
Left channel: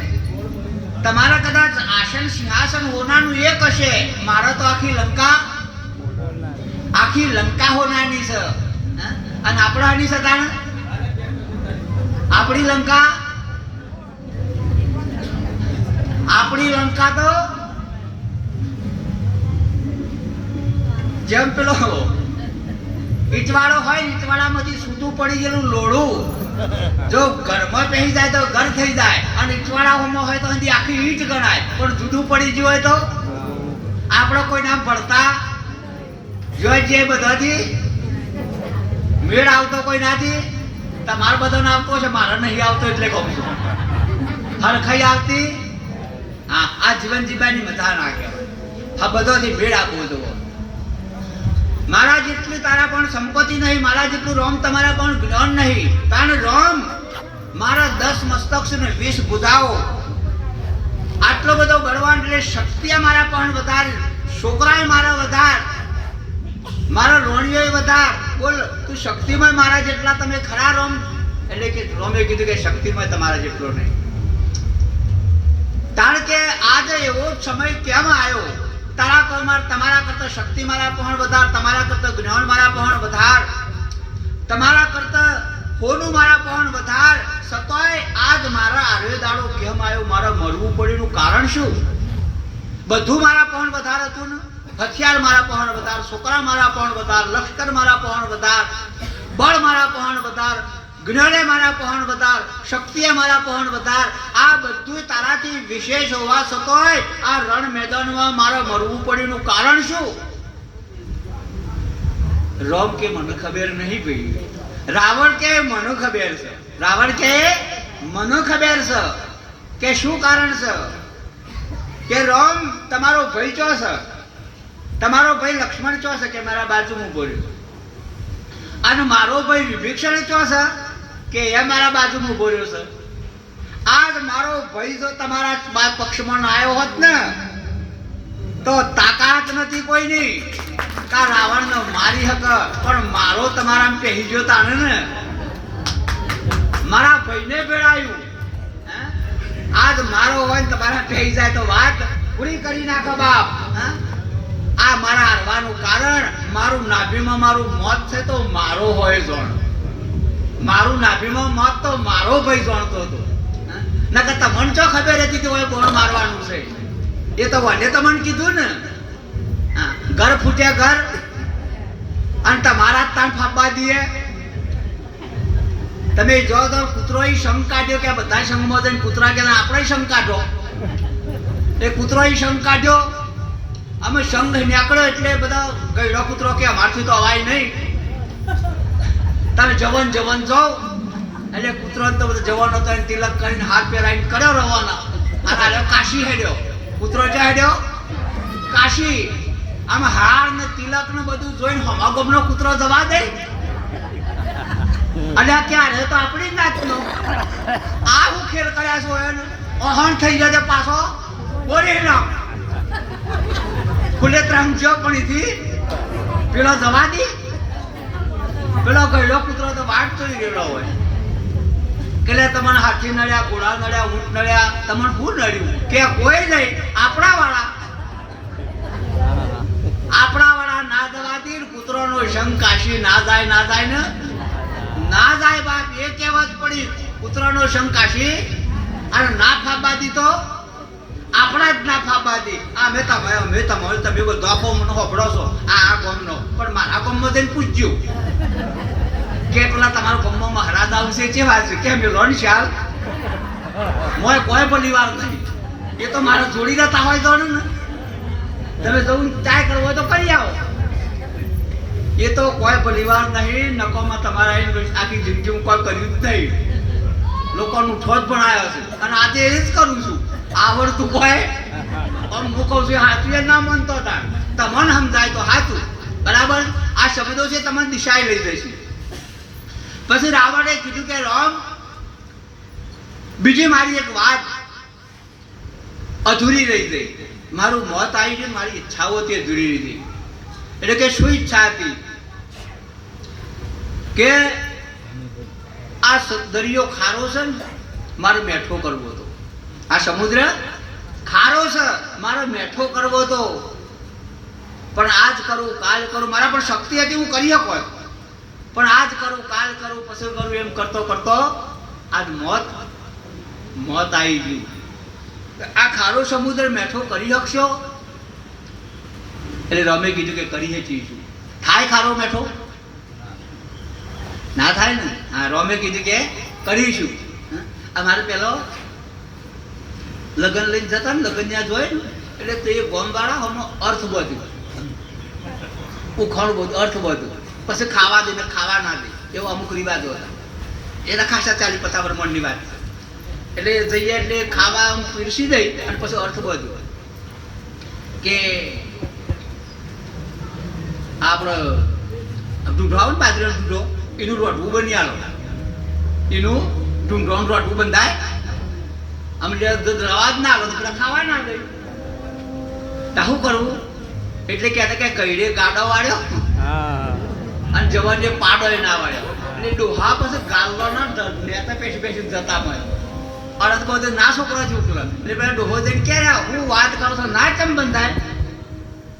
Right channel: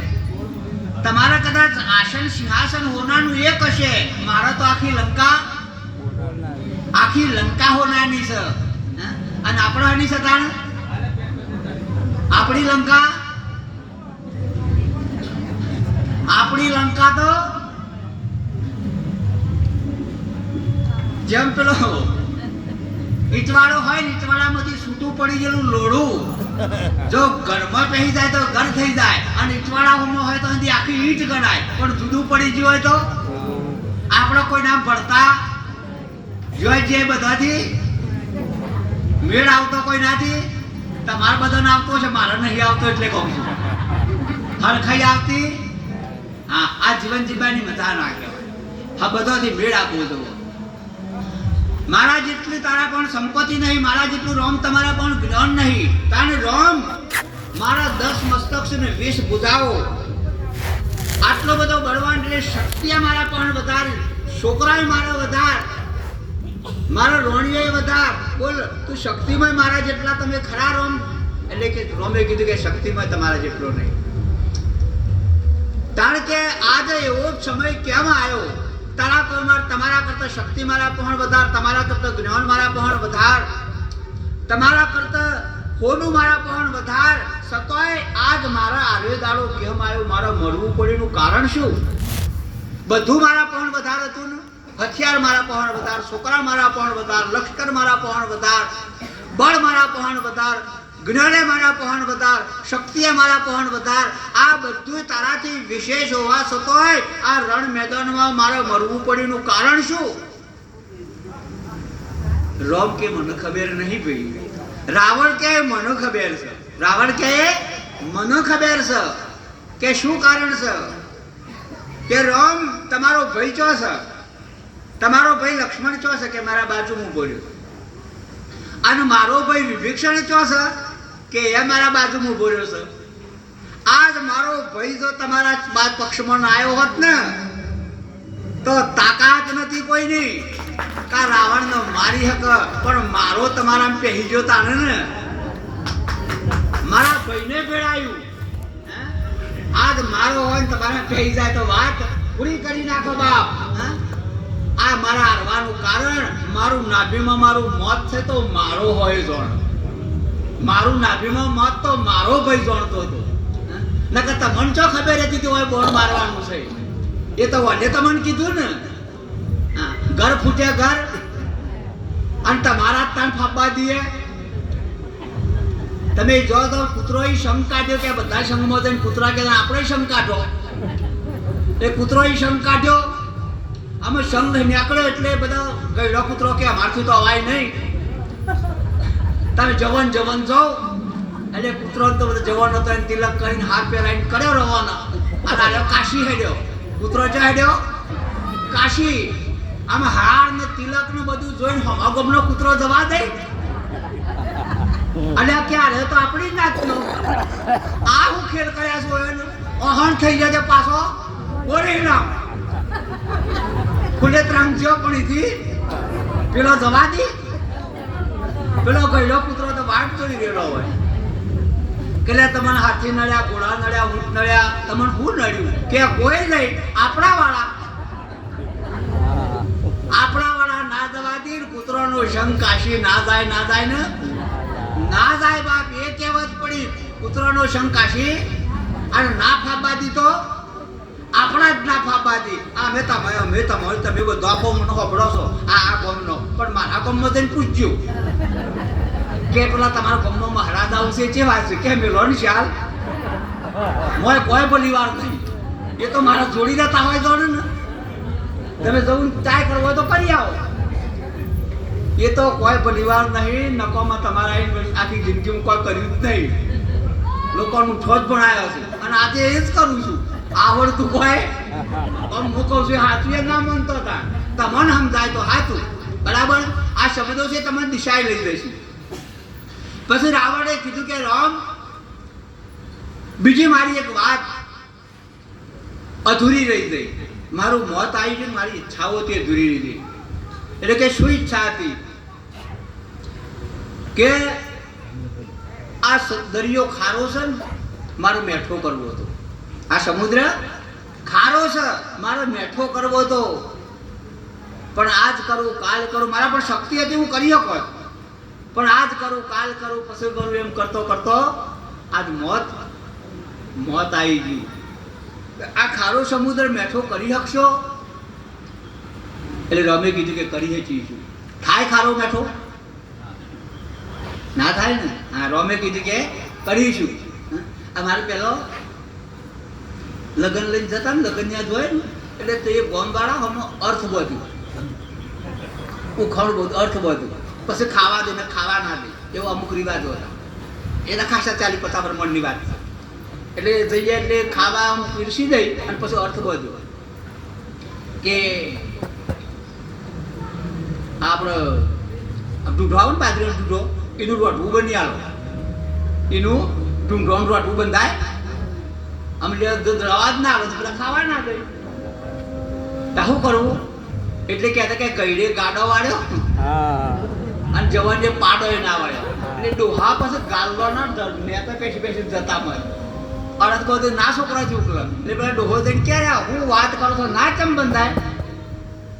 તમારા કદાચ આસન સિંહાસન હોનાનું એક હશે, મારા તો આખી લંકા હોનાની છે. અને આપણાની છે તાણ? આપણી લંકા તો જેમ પેલો ઈટવાળો હોય, ઈટવાળામાંથી છૂટું પડી ગયેલું લોઢું જો ઘરમાં પહેરી જાય તો ઘર થઈ જાય, અને ઈટવાળામાં હોય તો આખી ઈટ ગણાય. પણ જુદું પડી ગયું હોય તો આપણો કોઈ નામ પડતા જોઈ જે બધાથી મેળ આવતો કોઈ નાથી. તમારે બધાને આવતો છે, મારે નહીં આવતો એટલે કહું છું. હરખાઈ આવતી. હા, આ જીવન જીવવાની મજા ના કહેવાય. હા, બધાથી મેળ આપવો તો. મારા જેટલી તારા પણ સંપત્તિ નહીં, મારા જેટલું રોમ તમારા પણ જ્ઞાન નહીં. તાન રોમ મારા 10 મસ્તક છે ને 20 ભુજાઓ. આટલો બધો બળવાન એટલે શક્તિ મારા પણ વધાર, છોકરાય મારા વધાર, મારો રોણિયો વધાર. બોલ તું શક્તિમાં મારા જેટલા તમે ખરા રોમ? એટલે કે રોમે કીધું કે શક્તિમાં તમારા જેટલો નહીં. કારણ કે આજે એવો સમય કેમ આવ્યો? તમારા કરતા શક્તિ મારા પણ વધાર, તમારા કરતા જ્ઞાન મારા પણ વધાર, તમારા કરતા હોનું મારા પણ વધાર. સતોય આજ મારા આર્યો દાડો કેમ આવ્યો? મારા મરવું પડ્યું કારણ શું? બધું મારા પણ વધાર હતું ને. હથિયાર મારા પણ વધાર, છોકરા મારા પણ વધાર, લશ્કર મારા પણ વધાર, બળ મારા પણ વધાર, જ્ઞાને મારા પણ વધાર, શક્તિએ મારા પણ વધાર. આ બધું તારાથી વિશેષ હોવા છતાંય આ રણ મેદાનમાં મારા મરવું પડ્યું કારણ શું? રામ કે મને ખબર નહીં ભાઈ. રાવણ કે મને ખબર છે. રાવણ કે મને ખબર છે કે શું કારણ છે. કે રામ તમારો ભાઈ ચો છે? તમારો ભાઈ લક્ષ્મણ ચો છે? કે મારા બાજુમાં ઉભો રહ્યો. અને મારો ભાઈ વિભીષણ ચો છે? કે એ મારા બાજુમાં ઉભો રહ્યો છે. આજ મારો ભાઈ જો તમારા પક્ષમાં આવ્યો હોત ને તો તાકાત નથી કોઈની કા રાવણને મારી હક, પણ મારો તમારા પહેરી ગયો તાને ને મારા ભાઈને ભેળાયું. આજ મારો હોય ને તમારા પહેરી જાય તો વાત પૂરી કરી નાખો બાપ. આ મારા હારવાનું કારણ મારું નાભીમાં મારું મોત છે તો મારો હોય જોણ. મારું નાભીમાં મોત તો મારો ભાઈ જાણતો હતો. નકર તમને ચો ખબર હતી કે હોય બોન મારવાનું છે? એ તો વડે તમને કીધું ને. ઘર ફૂટ્યા ઘર, અને તમારા તાણ ફાપવા દઈએ. તમે જો તો કૂતરો શંખ કાઢ્યો કે બધા શંખમાં જઈને કૂતરા કે આપણે શંખ કાઢો. એ કૂતરો શંખ કાઢ્યો, અમે શંખ નીકળ્યો એટલે બધા ગયડો કૂતરો કે અમારથી તો અવાય નહીં. તમે જવન જો એટલે કૂતરો તો બધો જવાનો હતો, તિલક કરીને હાથ પહેરાઈને કર્યો રવાના. અને કાશી હેડ્યો. કૂતરો જ્યાં હેડ્યો કાશી. આમ હાર ને તિલક ને બધું જોઈને હમાગમનો કૂતરો જવા દે. અને ક્યારે તો આપણી જ નાચનો આ હું ખેલ કર્યા છો એને અહણ થઈ જશે પાછો બોલી ના ખુલે ત્રાંગજો પણ એથી પેલો જવા દે. પેલો ગયડો કૂતરો તો વાટ કરી ગયેલો હોય. કે લે તમને હાથી નડ્યા, ઘોડા નડ્યા, ઊંટ નડ્યા, તમને શું નડ્યું? કે કોઈ નહીં, આપણા વાળા ના દવાતી કૂતરોનો સંગ કાશી ના જાય ને ના જાય બાપ. એ કહેવત પડી, કૂતરોનો સંગ કાશી અને ના ફાબા દીધો આપણા જ ના ફાબા દી. આ મેં તમારે તમે દોખો મને હોબળો છો આ ગોમનો, પણ મારા ગોમમાં જઈને પૂછ્યું કે પેલા તમારા ગોમમાં મહારાજ આવશે છે વાત છે કે મેલો ને ચાલ મોય કોઈ બોલી વાર નહીં. એ તો મારા જોડીને તાવાઈ દો ને, તમે જવું ચાય કરવો હોય તો કરી આવો. એ તો કોઈ પરિવાર નહીં, નકોમાં તમારા આખી જિંદગીમાં કોઈ કર્યું જ નહીં. લોકોનું ઠોજ પણ આવ્યો છે અને આજે એ જ કરું છું. આવડતું કોઈ હું કહું છું સાચું એ ના માનતો હતા, તમને સમજાય તો સાચું બરાબર. આ શબ્દો છે તમને દિશાએ લઈ જઈશું. પછી રાવણે કીધું કે રામ, બીજી મારી એક વાત અધૂરી રહી ગઈ. મારું મોત આવી ગયું, મારી ઈચ્છાઓ હતી અધૂરી રહી ગઈ. એટલે કે શું ઈચ્છા હતી? કે આ દરિયો ખારો છે ને, મારે મેઠો કરવો હતો. આ સમુદ્ર ખારો છે, મારે મેઠો કરવો હતો. પણ આજ કરું કાલ કરું, મારા પણ શક્તિ હતી હું કરી શકો, પણ આજ કરું કાલ કરું પછી કરું એમ કરતો કરતો આજ મોત આવી ગયું. આ ખારો સમુદ્ર મેઠો કરી શકશો? એટલે રમે કીધું કે કરી શકીશું. થાય ખારો મેઠો? ના થાય ને. હા, રોમે કીધું કે કરીશું. અમારે પેલો લગ્ન લઈને જતા ને, લગ્ન ત્યાં જોયે ને એટલે તો એ ગોમ વાળા અર્થ બધું ઉખણ બધું અર્થ બધું પછી ખાવા દે ને ખાવા ના દે એવો અમુક રિવાજો હતા. એના ખાસા 40-50 મણની વાત છે. એટલે જઈએ એટલે ખાવા પીરસી દઈ અને પછી અર્થ બધું કે આપણે ઢૂંઢો આવે ને બાજરીનો ઢૂંઢો, એનું રોટવું બની આલો, એનું ઢૂંઢવાનું રોટવું બંધાય. અમે રવા જ ના આલો તો પેલા ખાવા ના દઈ. શું કરવું? એટલે કહેતા કે કઈડે ગાડો વાળ્યો અને જવાને પાડો ના વાળ્યો. એટલે ડોહા પછી ગાલવા ના નેતા પેશી જતા મળે. અડદ કહો ના છોકરા છૂટલો. એટલે પેલા ડોહો જઈને ક્યારે હું વાત કરું છું ના કેમ બંધાય?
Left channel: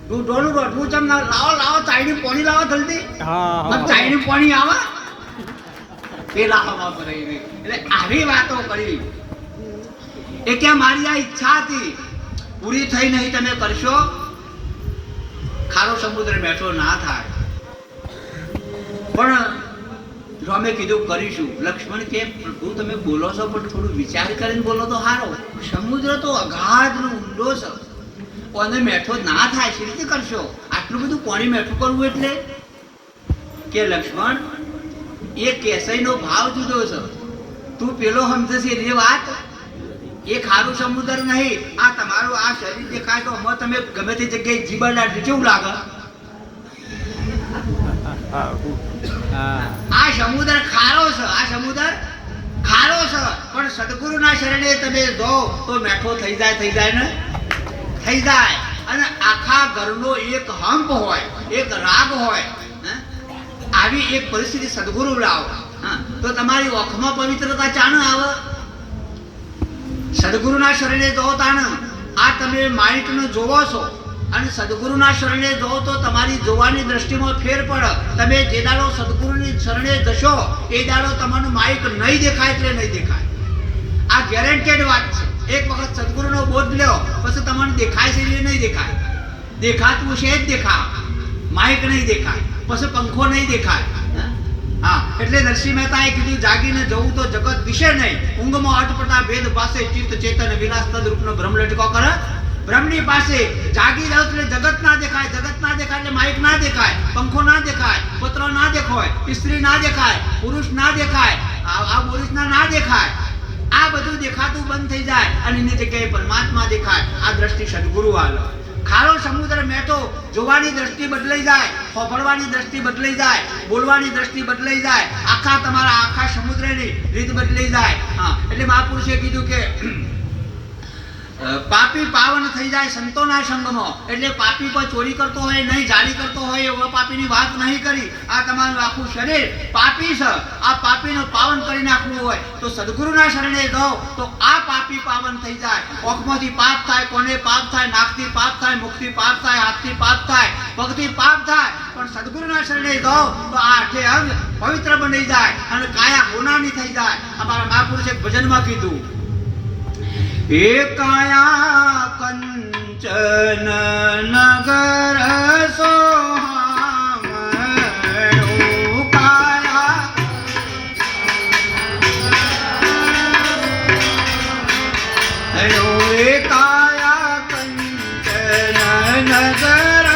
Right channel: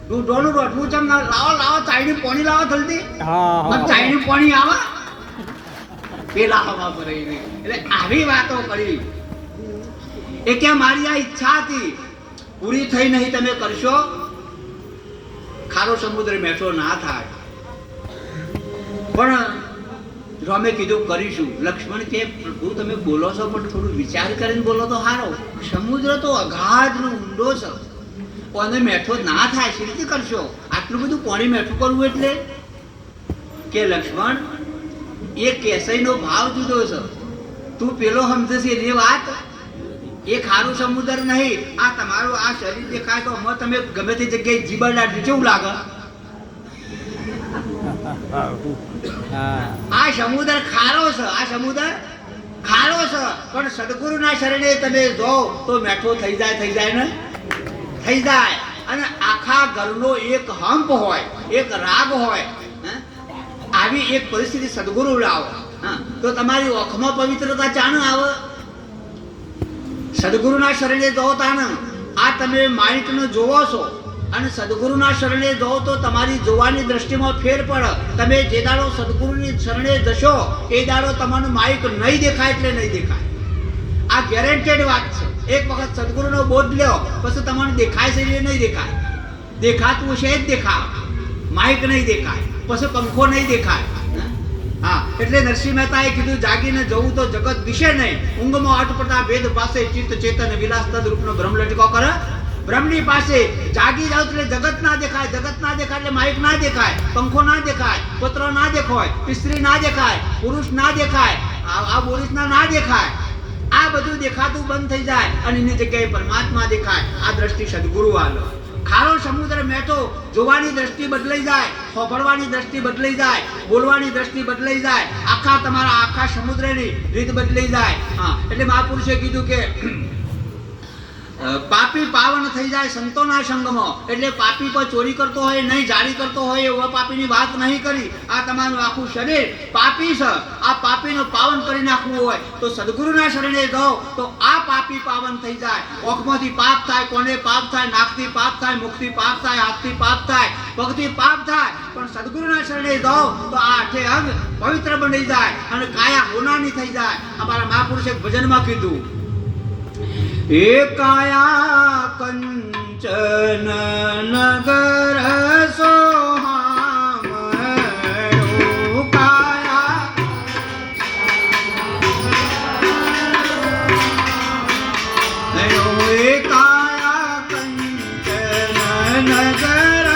ઢોનું રોટલું ચમ ના લાવો ચાઈની પાણી લાવો જલ્દી. ચાઈની પાણી આવે એ લાવવા પડે. એટલે આવી વાતો કરી. એ કે મારી આ ઈચ્છા હતી પૂરી થઈ નહીં, તમે કરશો? ખારો સમુદ્ર મેઠો ના થાય. પણ રામે કીધું કરીશું. લક્ષ્મણ કે પ્રભુ તમે બોલો છો પણ થોડું વિચાર કરીને બોલો તો સારો. સમુદ્ર તો અગાધ નો ઊંડો છે, અને મેઠો ના થાય સી રીતે કરશો? આટલું બધું પાણી મેઠું કરવું એટલે? કે લક્ષ્મણ એ કેસઈનો ભાવ જુદો છે, તું પેલો સમજે છે એ વાત. એ ખારું સમુદ્ર નહીં. આ તમારું આ શરીર દેખાય તો તમે ગમે તે જગ્યાએ જીવન કેવું લાગે? આ સમુદ્ર ખારો છે, આ સમુદ્ર ખારો છે. પણ સદગુરુના શરણે તમે જો તો મેઠો થઈ જાય ને થઈ જાય. અને આખા ઘરનો એક હંપ હોય, એક રાગ હોય, આવી એક પરિસ્થિતિ સદગુરુ લાવો તો તમારી ઓખમાં પવિત્રતા ચાણ આવે. સદગુરુના શરણે જો તાણ આ તમે માઇન્ડને જોવો છો અને સદગુરુના શરણે જો તો તમારી જોવાની દ્રષ્ટિમાં ફેર પડે. તમે જે દાડો સદગુરુની શરણે જશો એ દાડો તમારું માઇક નહીં દેખાય એટલે નહીં દેખાય. આ ગેરંટેડ વાત છે. એક વખત સદગુરુનો બોધ લ્યો પછી તમને દેખાય છે એ નહીં દેખાય. દેખાતું છે જ દેખાય, માઇક નહીં દેખાય, પછી પંખો નહીં દેખાય. હા, એટલે નરસિંહ મહેતાએ કીધું જાગીને જવું તો જગત દિશે નહીં, ઊંઘમાં અટપટા ભેદ પાસે ચિત્ત ચેતન વિલાસ તદરૂપનો ભ્રમ લટકો કરે. બ્રહ્મની પાસે જાગી જાવ એટલે જગત ના દેખાય, જગત ના દેખાય એટલે માઇક ના દેખાય, પંખો ના દેખાય, પુત્ર ના દેખાય, સ્ત્રી ના દેખાય, પુરુષ ના દેખાય, આ પુરુષ ના દેખાય. આ બધું દેખાતું બંધ થઈ જાય અને એની જગ્યાએ પરમાત્મા દેખાય. આ દ્રષ્ટિ સદગુરુ આલો. ખારો સમુદ્ર મેઠો જોવાની દ્રષ્ટિ બદલાઈ જાય, સાંભળવાની દ્રષ્ટિ બદલાઈ જાય, બોલવાની દ્રષ્ટિ બદલાઈ જાય, આખા તમારા આખા સમુદ્રની રીત બદલાઈ જાય. હા, એટલે મહાપુરુષે કીધું કે પાપી પાવન થઈ જાય સંતોના સંગમાં. એટલે પાપી પર ચોરી કરતો હોય નહીં, જાળી કરતો હોય એવા પાપીની વાત નહીં કરી. આ તમારું આખું શરીર પાપી છે, આ પાપીને પાવન કરી નાખવું હોય તો સદગુરુના શરણે જાઓ તો આ પાપી પાવન થઈ જાય. ઓખમાંથી પાપ થાય, કોને પાપ થાય, નાકથી પાપ થાય, મુખથી પાપ થાય, હાથથી પાપ થાય, પગથી પાપ થાય, પણ સદગુરુના શરણે જાઓ તો આ આઠે અંગ પવિત્ર બની જાય અને કાયા હોનાની થઈ જાય. અમારા મહાપુરુષે ભજનમાં કીધું, એકાયા કંચન નગર સોહામણો કાયા એકાયા કંચન નગર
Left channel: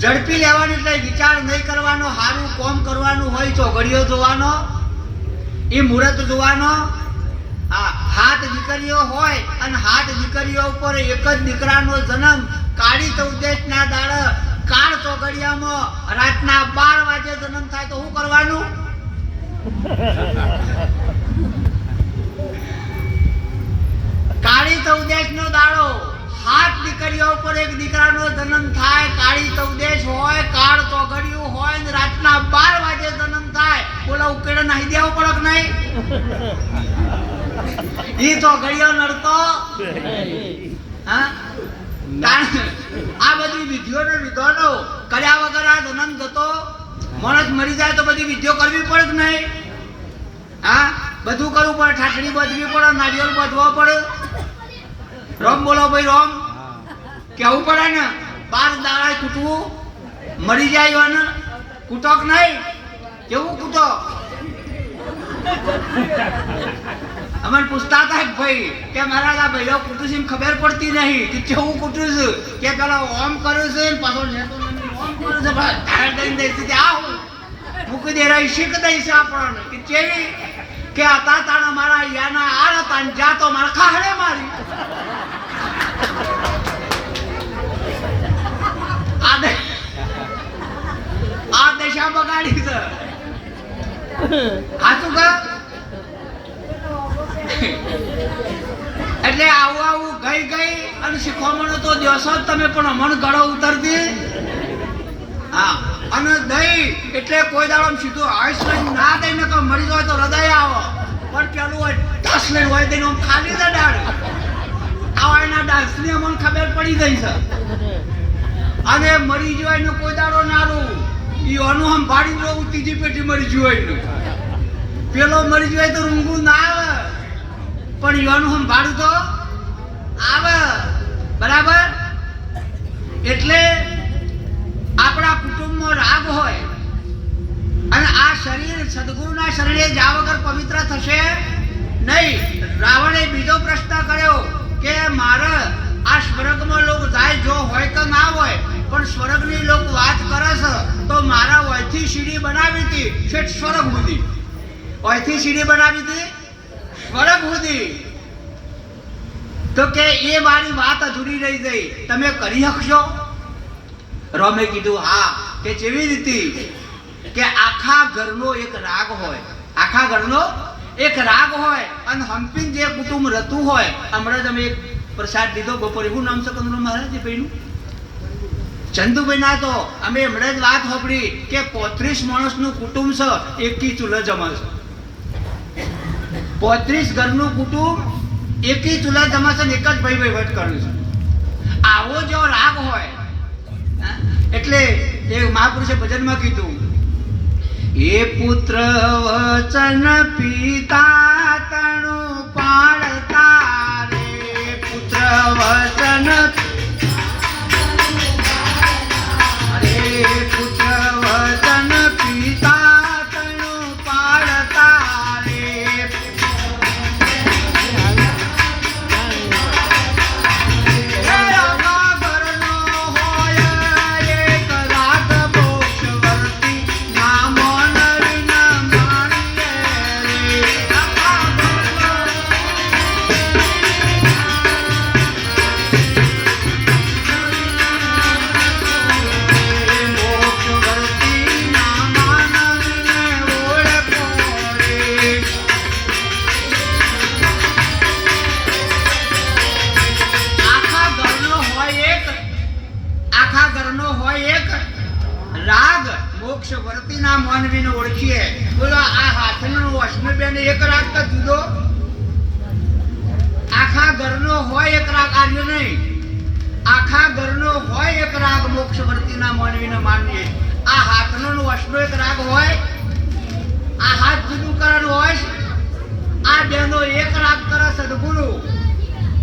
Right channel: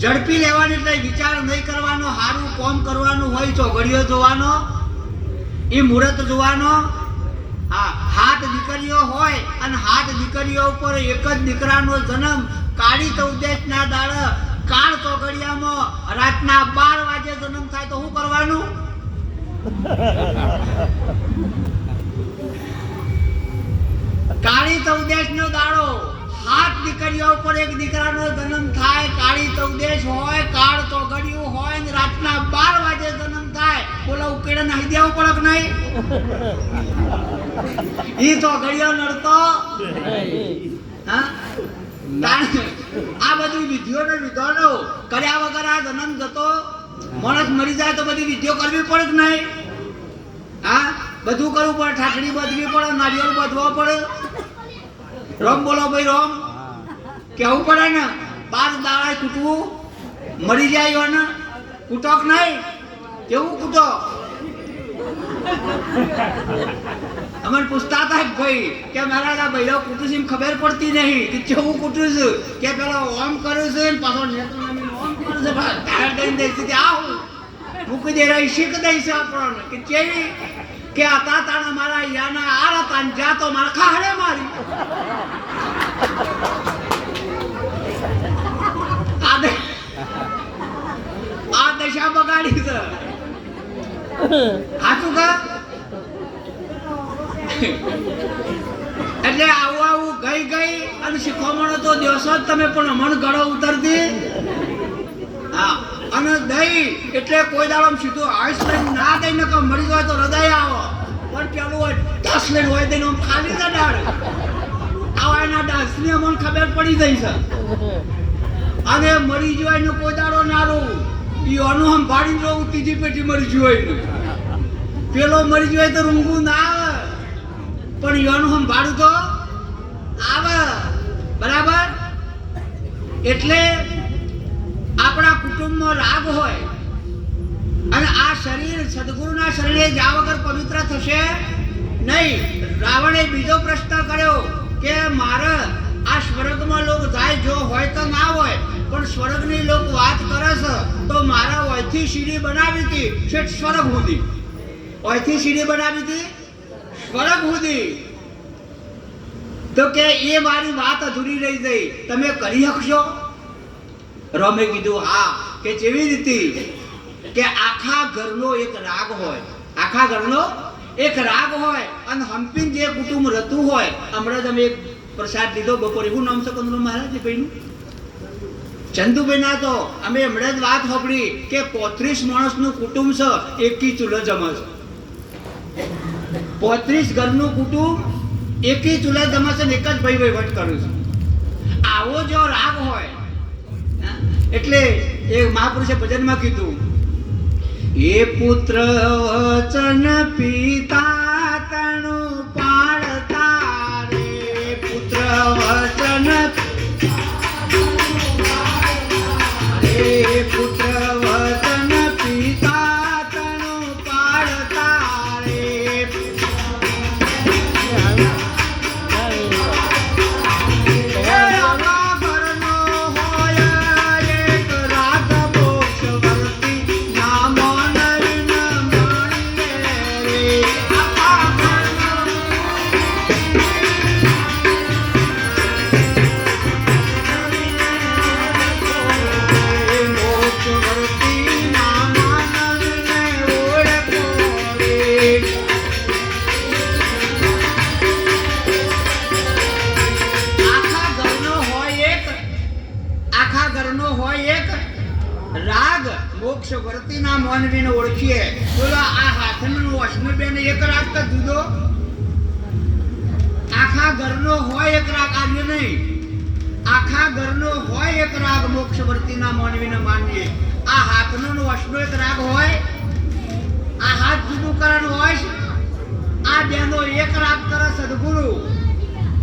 ઝડપી લેવાની. એટલે વિચાર નહીં કરવાનો, સારું કામ કરવાનું હોય, ચોઘડીઓ જોવાનો, એ મુહૂર્ત જોવાનો. હાથ દીકરીઓ હોય અને હાથ દીકરીઓ ઉપર એક જ દીકરાનો જન્મ કાળી ચૌદશના દાડે કાળ ચોઘડિયામાં રાતના 12 વાગે જન્મ થાય તો શું કરવાનું? કાળી ચૌદશનો દાડો, હાથ દીકરીઓ ઉપર એક દીકરાનો જન્મ થાય, કાળી ચૌદશ હોય, કાળ ચોઘડિયું હોય ને રાતના 12 વાગે જન્મ થાય, બોલો ઉકેડે નાહી દેવું પડે કે નહીં? ઈ ચોઘડિયો નડતો હા? આ બધી વિધિઓ ને વિધાનો કર્યા વગર આ જન્મ જતો માણસ મરી જાય તો બધી વિધિઓ કરવી પડે કે નહીં? હા, બધું કરવું પડે. ઠાકડી બાંધવી પડે, નારિયેળ બાંધવા પડે. રોમ બોલો ભાઈ, રોમ કેવું પડે ને. 12 દાડા કૂટવું, મરી જાય ને કૂટોક નહીં. કેવું કૂટો? અમે પૂછતા હતા ભાઈ કે મારા આ ભાઈઓ કૂટું છે ખબર પડતી નહીં કે કેવું કૂટું છું. કે પેલા ઓમ કરું છું ને પાછો ઓમ કરું છું, ધારણ કરીને દઈશ કે આવું મૂકી દે રહી શીખ દઈશ આપણને કે કેવી કે હતા તાણા મારા યાના આર હતા ને જા તો મારા ખાહડે મારી. આ દશા બગાડી છે. સાચું કા? એટલે આવું ગઈ અને શીખવામણો તો દેશો જ તમે, પણ અમણ ગળો ઉતરતી. હા, અને દહીં એટલે કોઈ દાડો સીધું આઈસ લઈને ના દઈને તો મરી જાય તો હૃદય આવો, પણ પેલું હોય ઢસ લઈને હોય દઈને ખાલી છે ડાળ. આવા એના ડાસની અમને ખબર પડી ગઈ છે. અને મરી જાય ને કોઈ દાડો નારું ઈઓનું આમ ભાડી જવું, ત્રીજી પેટી મરી જાય ને પેલો મરી જાય તો રૂંગું ના આવે, પણ ઈઓનું આમ ભાડું તો આવે. બરાબર? એટલે આપણા કુટુંબનો રાગ હોય અને આ શરીર સદગુરુના શરણે જા વગર પવિત્ર થશે નહીં. રાવણે બીજો પ્રશ્ન કર્યો કે મારે આ સ્વર્ગમાં લોક જાય જો હોય તો ના હોય, પણ સ્વર્ગની લોક વાત કરે છે તો મારા વયથી સીડી બનાવી હતી છેક સ્વર્ગ સુધી. વયથી સીડી બનાવી હતી સ્વર્ગ સુધી. તો કે એ મારી વાત અધૂરી રહી ગઈ, તમે કરી શકશો? રોમે કીધું હા. કે જેવી રીતે કે આખા ઘરનો એક રાગ હોય, આખા ઘરનો એક રાગ હોય અને હંપીન જે કુટુંબ રહેતું હોય. હમણાં જ અમે એક પ્રસાદ લીધો બપોરે. શું નામ છે કંદરો મહારાજ? એ ભાઈનું ચંદુભાઈ ના તો અમે હમણાં જ વાત સાંભળી કે 35 માણસનું કુટુંબ છે, એકી ચૂલે જમે છે. 35 ઘરનું કુટુંબ એકી ચૂલે જમે છે ને એક જ ભાઈ વહીવટ કરે છે. આવો જો રાગ હોય, એટલે એ મહાપુરુષે ભજનમાં કીધું, એ પુત્ર વચન પિતા તણું પાળતા રે, પુત્ર વચન પુત્ર વચન પિતા તણું પાળતા રે. મોક્ષવર્તીના માનવીને ઓળખીએ. બોલો આ હાથનો અશ્મિબેન એક રાગ તો જુદો, આખા ઘરનો હોય એક રાગ, આર્ય નહીં, આખા ઘરનો હોય એક રાગ મોક્ષવર્તીના માનવીને માનીએ. આ હાથનો અશ્નો એક રાગ હોય, આ હાથ જુદું કરવાનું હોય, આ બેનો એક રાગ કરે સદગુરુ,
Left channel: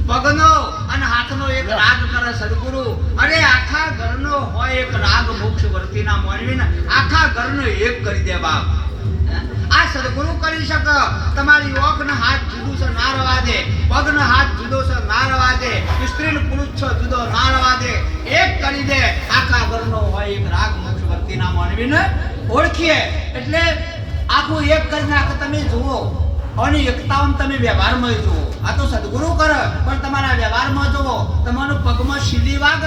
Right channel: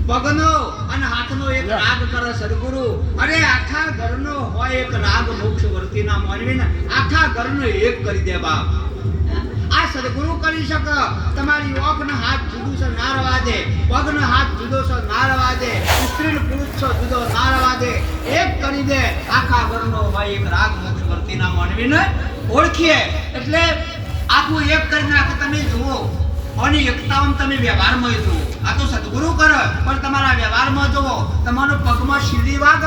પગનો અને હાથનો એક રાગ કરે સદગુરુ. અરે આખા ઘરનો હોય એક રાગ મોક્ષવર્તીના માનવીને આખા ઘરનો એક કરી દે બાપ. આ સદગુરુ કરી શકે. તમારી ઓખનો હાથ જુદો છે ના રવા દે, પગનો હાથ જુદો છે ના રવા દે, સ્ત્રી પુરુષ છે જુદો ના રવા દે, એક કરી દે. આખા ઘરનો હોય એક રાગ મોક્ષવર્તીના માનવીને ઓળખીએ. એટલે આખું એક કરી નાખે. તમે જુઓ અને એકતામાં તમે વ્યવહારમાં જુઓ. આ તો સદગુરુ કરે, પણ તમારા વ્યવહારમાં જુઓ. તમારો પગમાં સીધી વાગ,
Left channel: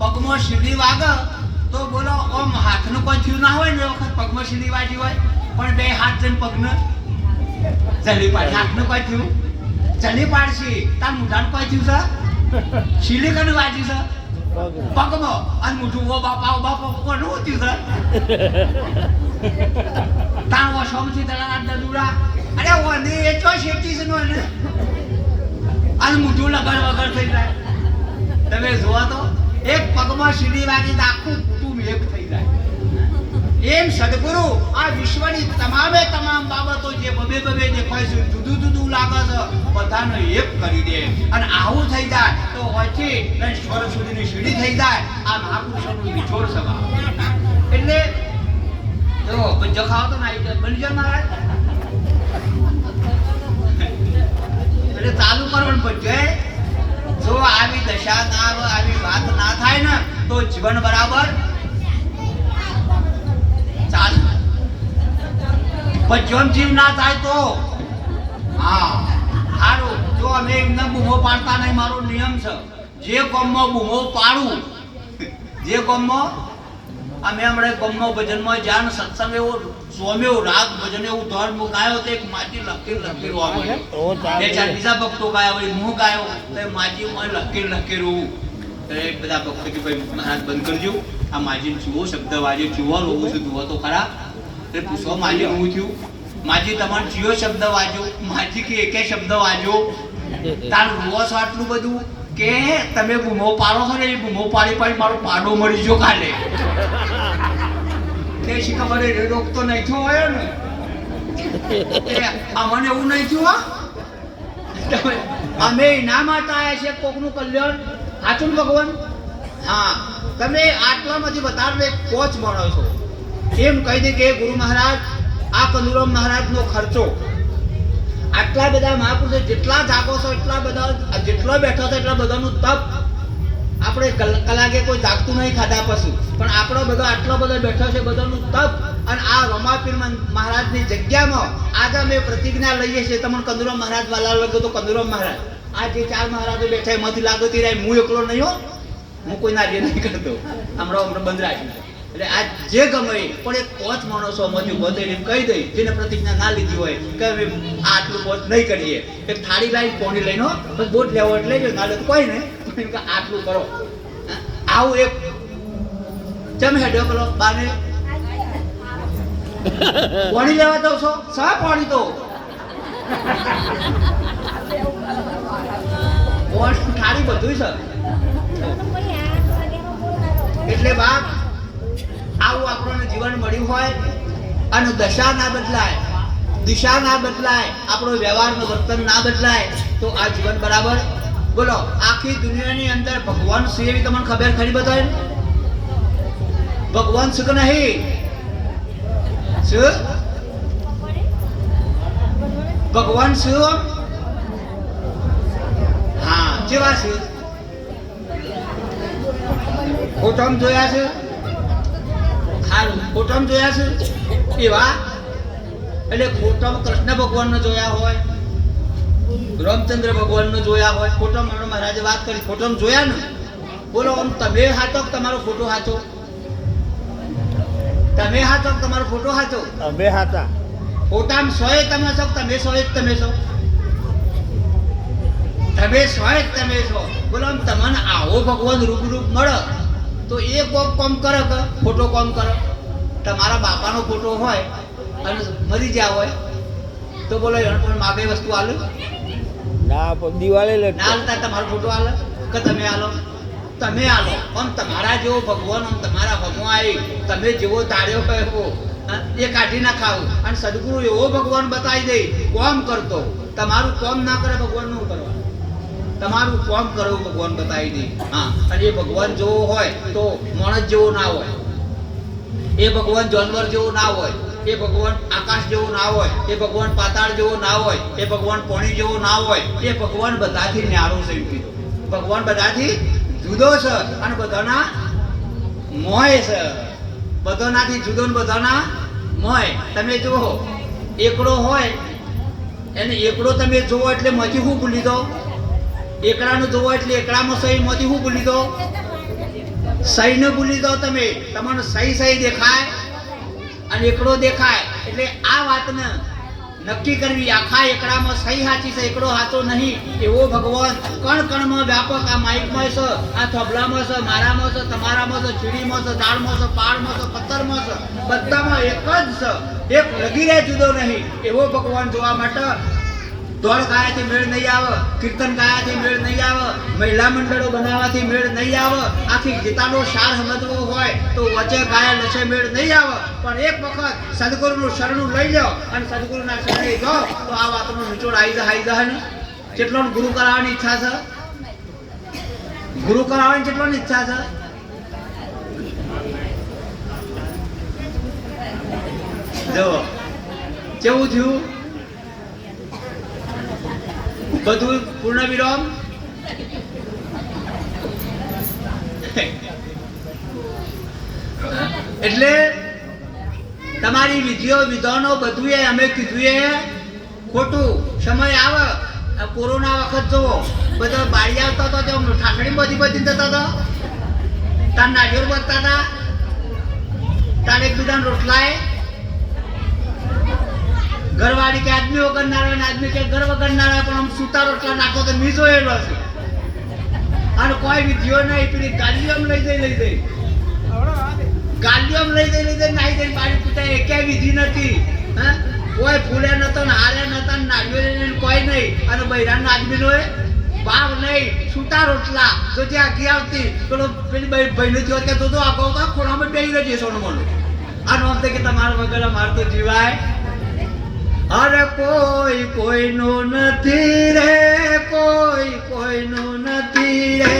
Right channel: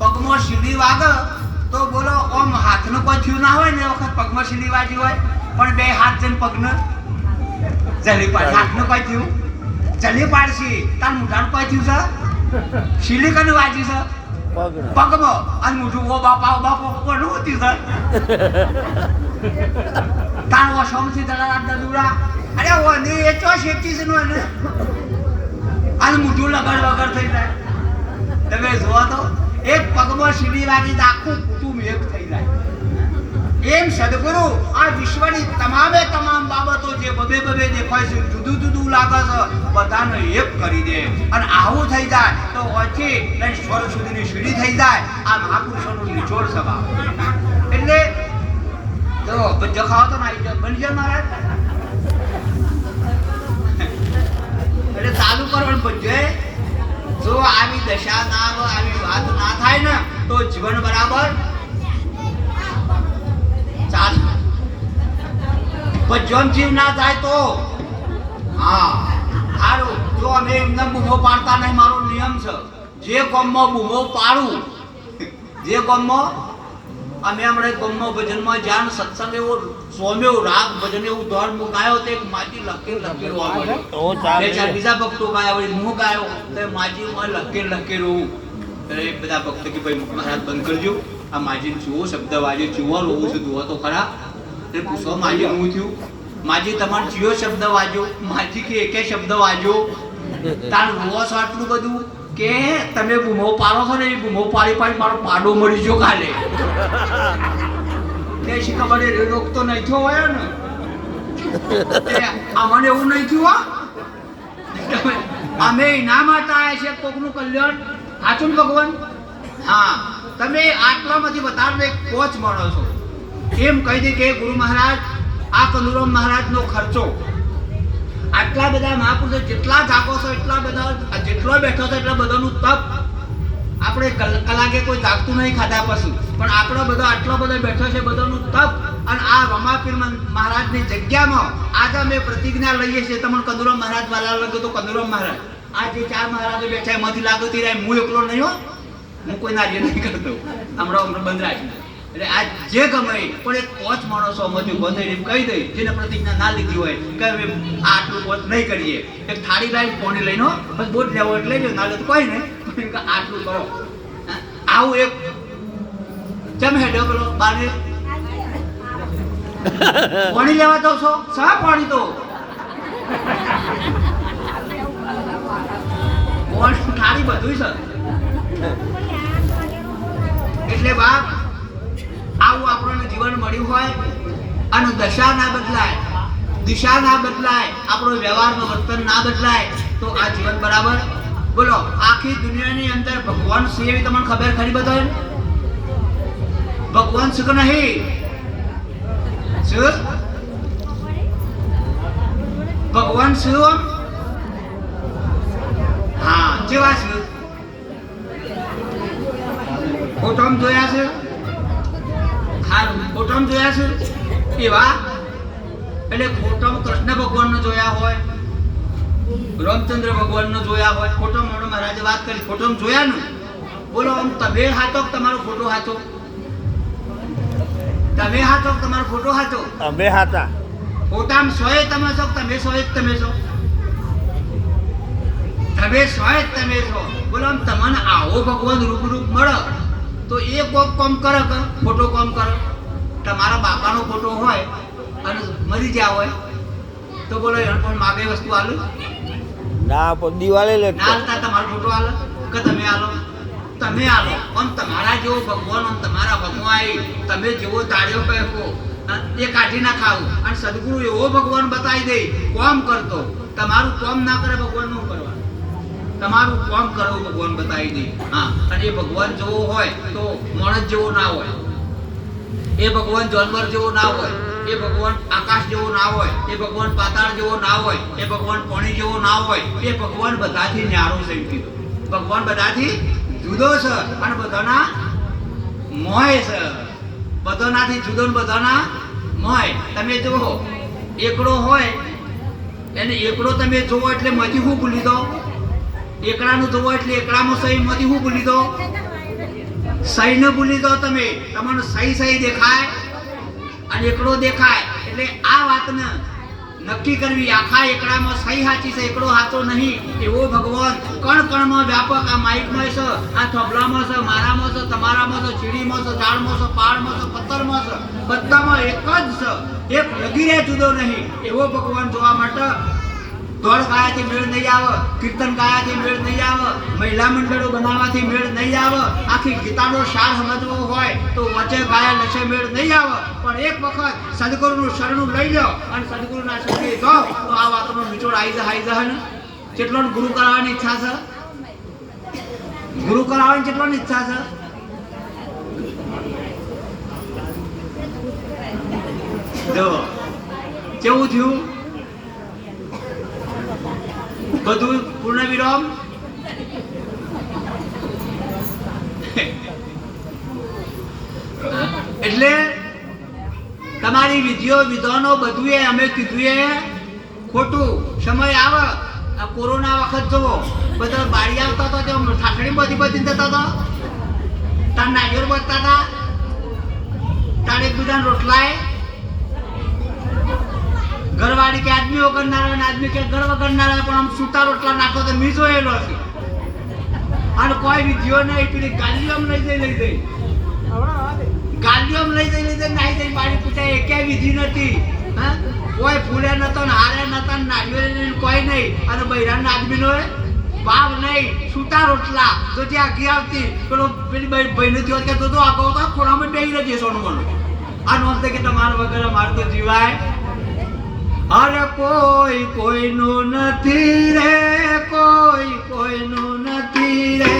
પગમાં સીધી વાગ તો બોલો ઓમ હાથનું કોઈ થયું ના હોય ને એ વખત પગમાં સીધી વાજી હોય, પણ બે હાથ જઈને પગને જલી પાડે. હાથનું કોઈ થયું જલી પાડશી, તાર મૂઠાનું કોઈ થયું છે સીલી કને વાજી છે પગમાં, અને મૂઠું ઓ બાપા કોનું થયું છે તાર ઓ સોમથી દલાલ દલુડા. અરે ઓની એ તો શેકી છે નો ને, અને મૂઠું લગડ વગર થઈ જાય. તમે જોવા તો એક પગમાં સીડી વાગી તો આખું કુટુંબ એક થઈ જાય. એમ સદગુરુ આ વિશ્વની તમામે તમામ બાબતો જે બબે બબે દેખાય છે, જુદું જુદું લાગે છે, બધાને એક કરી દે. અને આવું થઈ જાય તો ઓછી લઈને સ્વર સુધીની સીડી થઈ જાય. આ મહાપુરુષોનું નિચોડ સભા. એટલે જો ભજ્જો ખાવ તો ના બની જાય મહારાજ. એટલે ચાલુ કરવાનું ભજ્જો. જો આવી દશા ના આવે, આવી વાત ના થાય ને તો જીવન બરાબર ચાલ. ભજ્યોન જીવ ના થાય તો હા સારું. જો અમે એમને બૂમો પાડતા નહીં, મારો નિયમ છે જે ગામમાં બૂમો પાડું, જે ગામમાં અમે હમણાં ગામમાં ભજનમાં જ્યાં સત્સંગ એવો સોમ્યો રાગ ભજન એવું ધર્મ ગાયો તો એક માજી લખેલું બીજા ભક્તો ગાયા વળી હું ગાયો તો માજી લખેલું. તો એક બધા ભક્તો કે ભાઈ મહારાજ બંધ કરજો, આ માજી ચૂવો શબ્દ વાજ્યો, ચૂવો લોવું છે જુઓ તો ખરા. એટલે પૂછવા માજી હું થયું, માજી તમારે ચિયો શબ્દ વાજ્યો, માજી કે એકે શબ્દ વાજ્યો, તાર રોવો છો આટલું બધું કે તમે બૂમો પાડો છો ને, એ બૂમો પાડી પાડી મારો પાડો મળી ગયો કાલે. તે શી ખબર એ રોગ તો નહીં થયો હોય ને, અમને એવું નહીં થયું. અમે ઇનામ આપ્યા છે કોકનું કલ્યાણ. સાચું ભગવાન? હા. તમે આટલામાંથી વધારે કોચ મળો છો એમ કહી દે કે ગુરુ મહારાજ આ કંદુરામ મહારાજનો ખર્ચો આટલા બધા મહાપુરુષો જેટલા જાગો છો એટલા બધા, જેટલો બેઠો છો એટલા બધાનું તપ. આપણે કલાકે કોઈ જાગતું નહીં ખાધા પછી, પણ આપણો બધા આટલો બધો બેઠો છે બધાનું તપ. અને આ રમાપીર મહારાજની જગ્યામાં આજે અમે પ્રતિજ્ઞા લઈએ છીએ. તમને કંદુરામ મહારાજ વાલા લાગે તો કંદુરામ મહારાજ, આ જે ચાર મહારાજો બેઠા એમાંથી લાગો તે હું એકલો નહીં હો, હું કોઈ નાર્ય નહીં કરતો. હમણાં બંધ રાખીને એટલે આ જે ગમે પણ એક કોચ માણસો માંથી ઉભો થઈને કહી દઈ, જેને પ્રતિજ્ઞા ના લીધી હોય કે અમે આટલું કોચ નહીં કરીએ. એક થાળી લાવી પોણી લઈને બસ બોટ લેવો એટલે જ ના લે તો કોઈ નહીં, આટલું કરો. આવું એક ચમ હેડ્યો પેલો બાને પાણી લેવા દો છો સા પાણી તો થાળી બધું છે. એટલે બાપ આવું આપણને જીવન મળ્યું હોય અને દશા ના બદલાય, દિશા ના બદલાય, આપણો વ્યવહારનું વર્તન ના બદલાય તો આ જીવન બરાબર. બોલો આખી દુનિયાની અંદર ભગવાન છે એવી તમને ખબર ખરી બધાને? ભગવાન છે કે નહીં? શું ભગવાન શું? હા જેવા છે ફોટોમાં જોયા છે, ફોટોમાં જોયા છે એવા. એટલે ફોટોમાં કૃષ્ણ ભગવાનને જોયા હોય, રામચંદ્ર ભગવાનને જોયા હોય, ફોટોમાં મહારાજે વાત કરી ફોટોમાં જોયા ને. બોલો આમ તમે હાથો તમારો ફોટો હાથો? તમે હાથો તમારો ફોટો હાથો? અમે હતા ફોટામાં સોય તમે છો, તમે સોય જ તમે છો, તમે સોય જ તમે છો. બોલો આમ તમને આવો ભગવાન રૂપ મળે તો એ કોમ કરે કે ફોટો કોમ કરે? તમારા બાપાનો ફોટો હોય અને મરી ગયા હોય તો બોલો એને પણ માગે વસ્તુ આલો ના પણ દિવાળી ના લટકો હાલતા તમારો ફોટો આલો કે તમે આલો? તમે આલો. આમ તમારા જેવો ભગવાન આમ તમારા ભગવાન આવી તમે જેવો તાળ્યો કહો એ કાઢી ના ખાવું. અને સદગુરુ એવો ભગવાન બતાવી દે કોમ કરતો, તમારું કોમ ના કરે ભગવાન નું કરવાનું, તમારું કોમ કરવું ભગવાન બતાવી દે. હા અને એ ભગવાન જેવો હોય તો માણસ જેવો ના હોય, એ ભગવાન જાનવર જેવો ના હોય, એ ભગવાન આકાશ જેવો ના હોય, એ ભગવાન પાતાળ જેવો ના હોય, એ ભગવાન પાણી જેવો ના હોય. એ ભગવાન બધાથી ન્યારો છે એમ કીધું. ભગવાન બધાથી જુદો છે અને બધાના મોય છે. બધાનાથી જુદો ને બધાના મોય. તમે જુઓ એકડો હોય એને એકડો તમે જોવો એટલે માંથી શું ભૂલી દો? એકડાનું જોવો એટલે એકડામાં સહી માંથી શું ભૂલી દો? સહીને ભૂલી દો તમે. તમને સહી દેખાય અને એકડો દેખાય. એટલે આ વાતને નક્કી કરવી આખા એકડામાં સહી સાચી છે, એકડો સાચો નહીં. એવો ભગવાન કણ કણમાં વ્યાપક આ માઇકમાં છે, આ થોબલામાં છે, મારામાં છે, તમારામાં છે, ચીડીમાં છે, ઝાડમાં છે, પાડમાં છે, પથ્થરમાં છે, બધામાં એક જ છે. એક લગીરે જુદો નહીં. એવો ભગવાન જોવા માટે દોડ ગાયાથી મેળ નહીં આવે, કીર્તન ગાયાથી મેળ નહીં આવે, મહિલા મંડળો બનાવવાથી મેળ નહીં આવે, આખી ગીતાનો સાર સમજવો હોય તો વચ્ચે ગાયા લસે મેળ નહીં આવે. પણ એક વખત સદગુરુનું શરણું લઈ લો અને સદગુરુના શરણે જાઓ તો આ વાતનો નિચોડ આવી જાય ને. કેટલો ગુરુ કરાવવાની ઈચ્છા છે? ગુરુ કરાવવાની કેટલોની ઈચ્છા છે? જો કેવું થયું બધું પૂર્ણ વિરામ. એટલે તમારી વિધિઓ વિધાનો બધું અમે કીધું એ ખોટું. સમય આવે આ કોરોના વખત જુઓ બધો બાળી આવતા હતો તેમ ઠાઠડી બધી જતા હતા, તાર નાળિયેર બધતા હતા, તાર એકબીજાને રોટલાય ઘરવાળી કે આદમી વગર ના રહે, આદમી કે ઘર વગર ના રહે, પણ આમ સૂતા રોટલા નાખો તો મી જોયેલો છે. અને કોઈ વિધિઓ નહીં. પેલી ગાલીઓ લઈ જઈ ગાલીઓ લઈ જઈ નાહી જઈને બાળી પૂછાય એકે વિધિ નથી. હા કોઈ ફૂલે નતા ને હારે નતા ને નાળિયેર કોઈ નહીં. અને બૈરાના આદમીનો ભાવ નહીં. સૂતા રોટલા જો ત્યાં આગી આવતી પેલો પેલી ભાઈને થયો કે તો આગળ તો ખોડામાં બેસી રહેજે સોનું મોનું. આ નોંધ કે તમારા વગર મારે તો જીવાય. અરે કોઈ કોઈનું નથી રે, કોઈ કોઈનું નથી રે,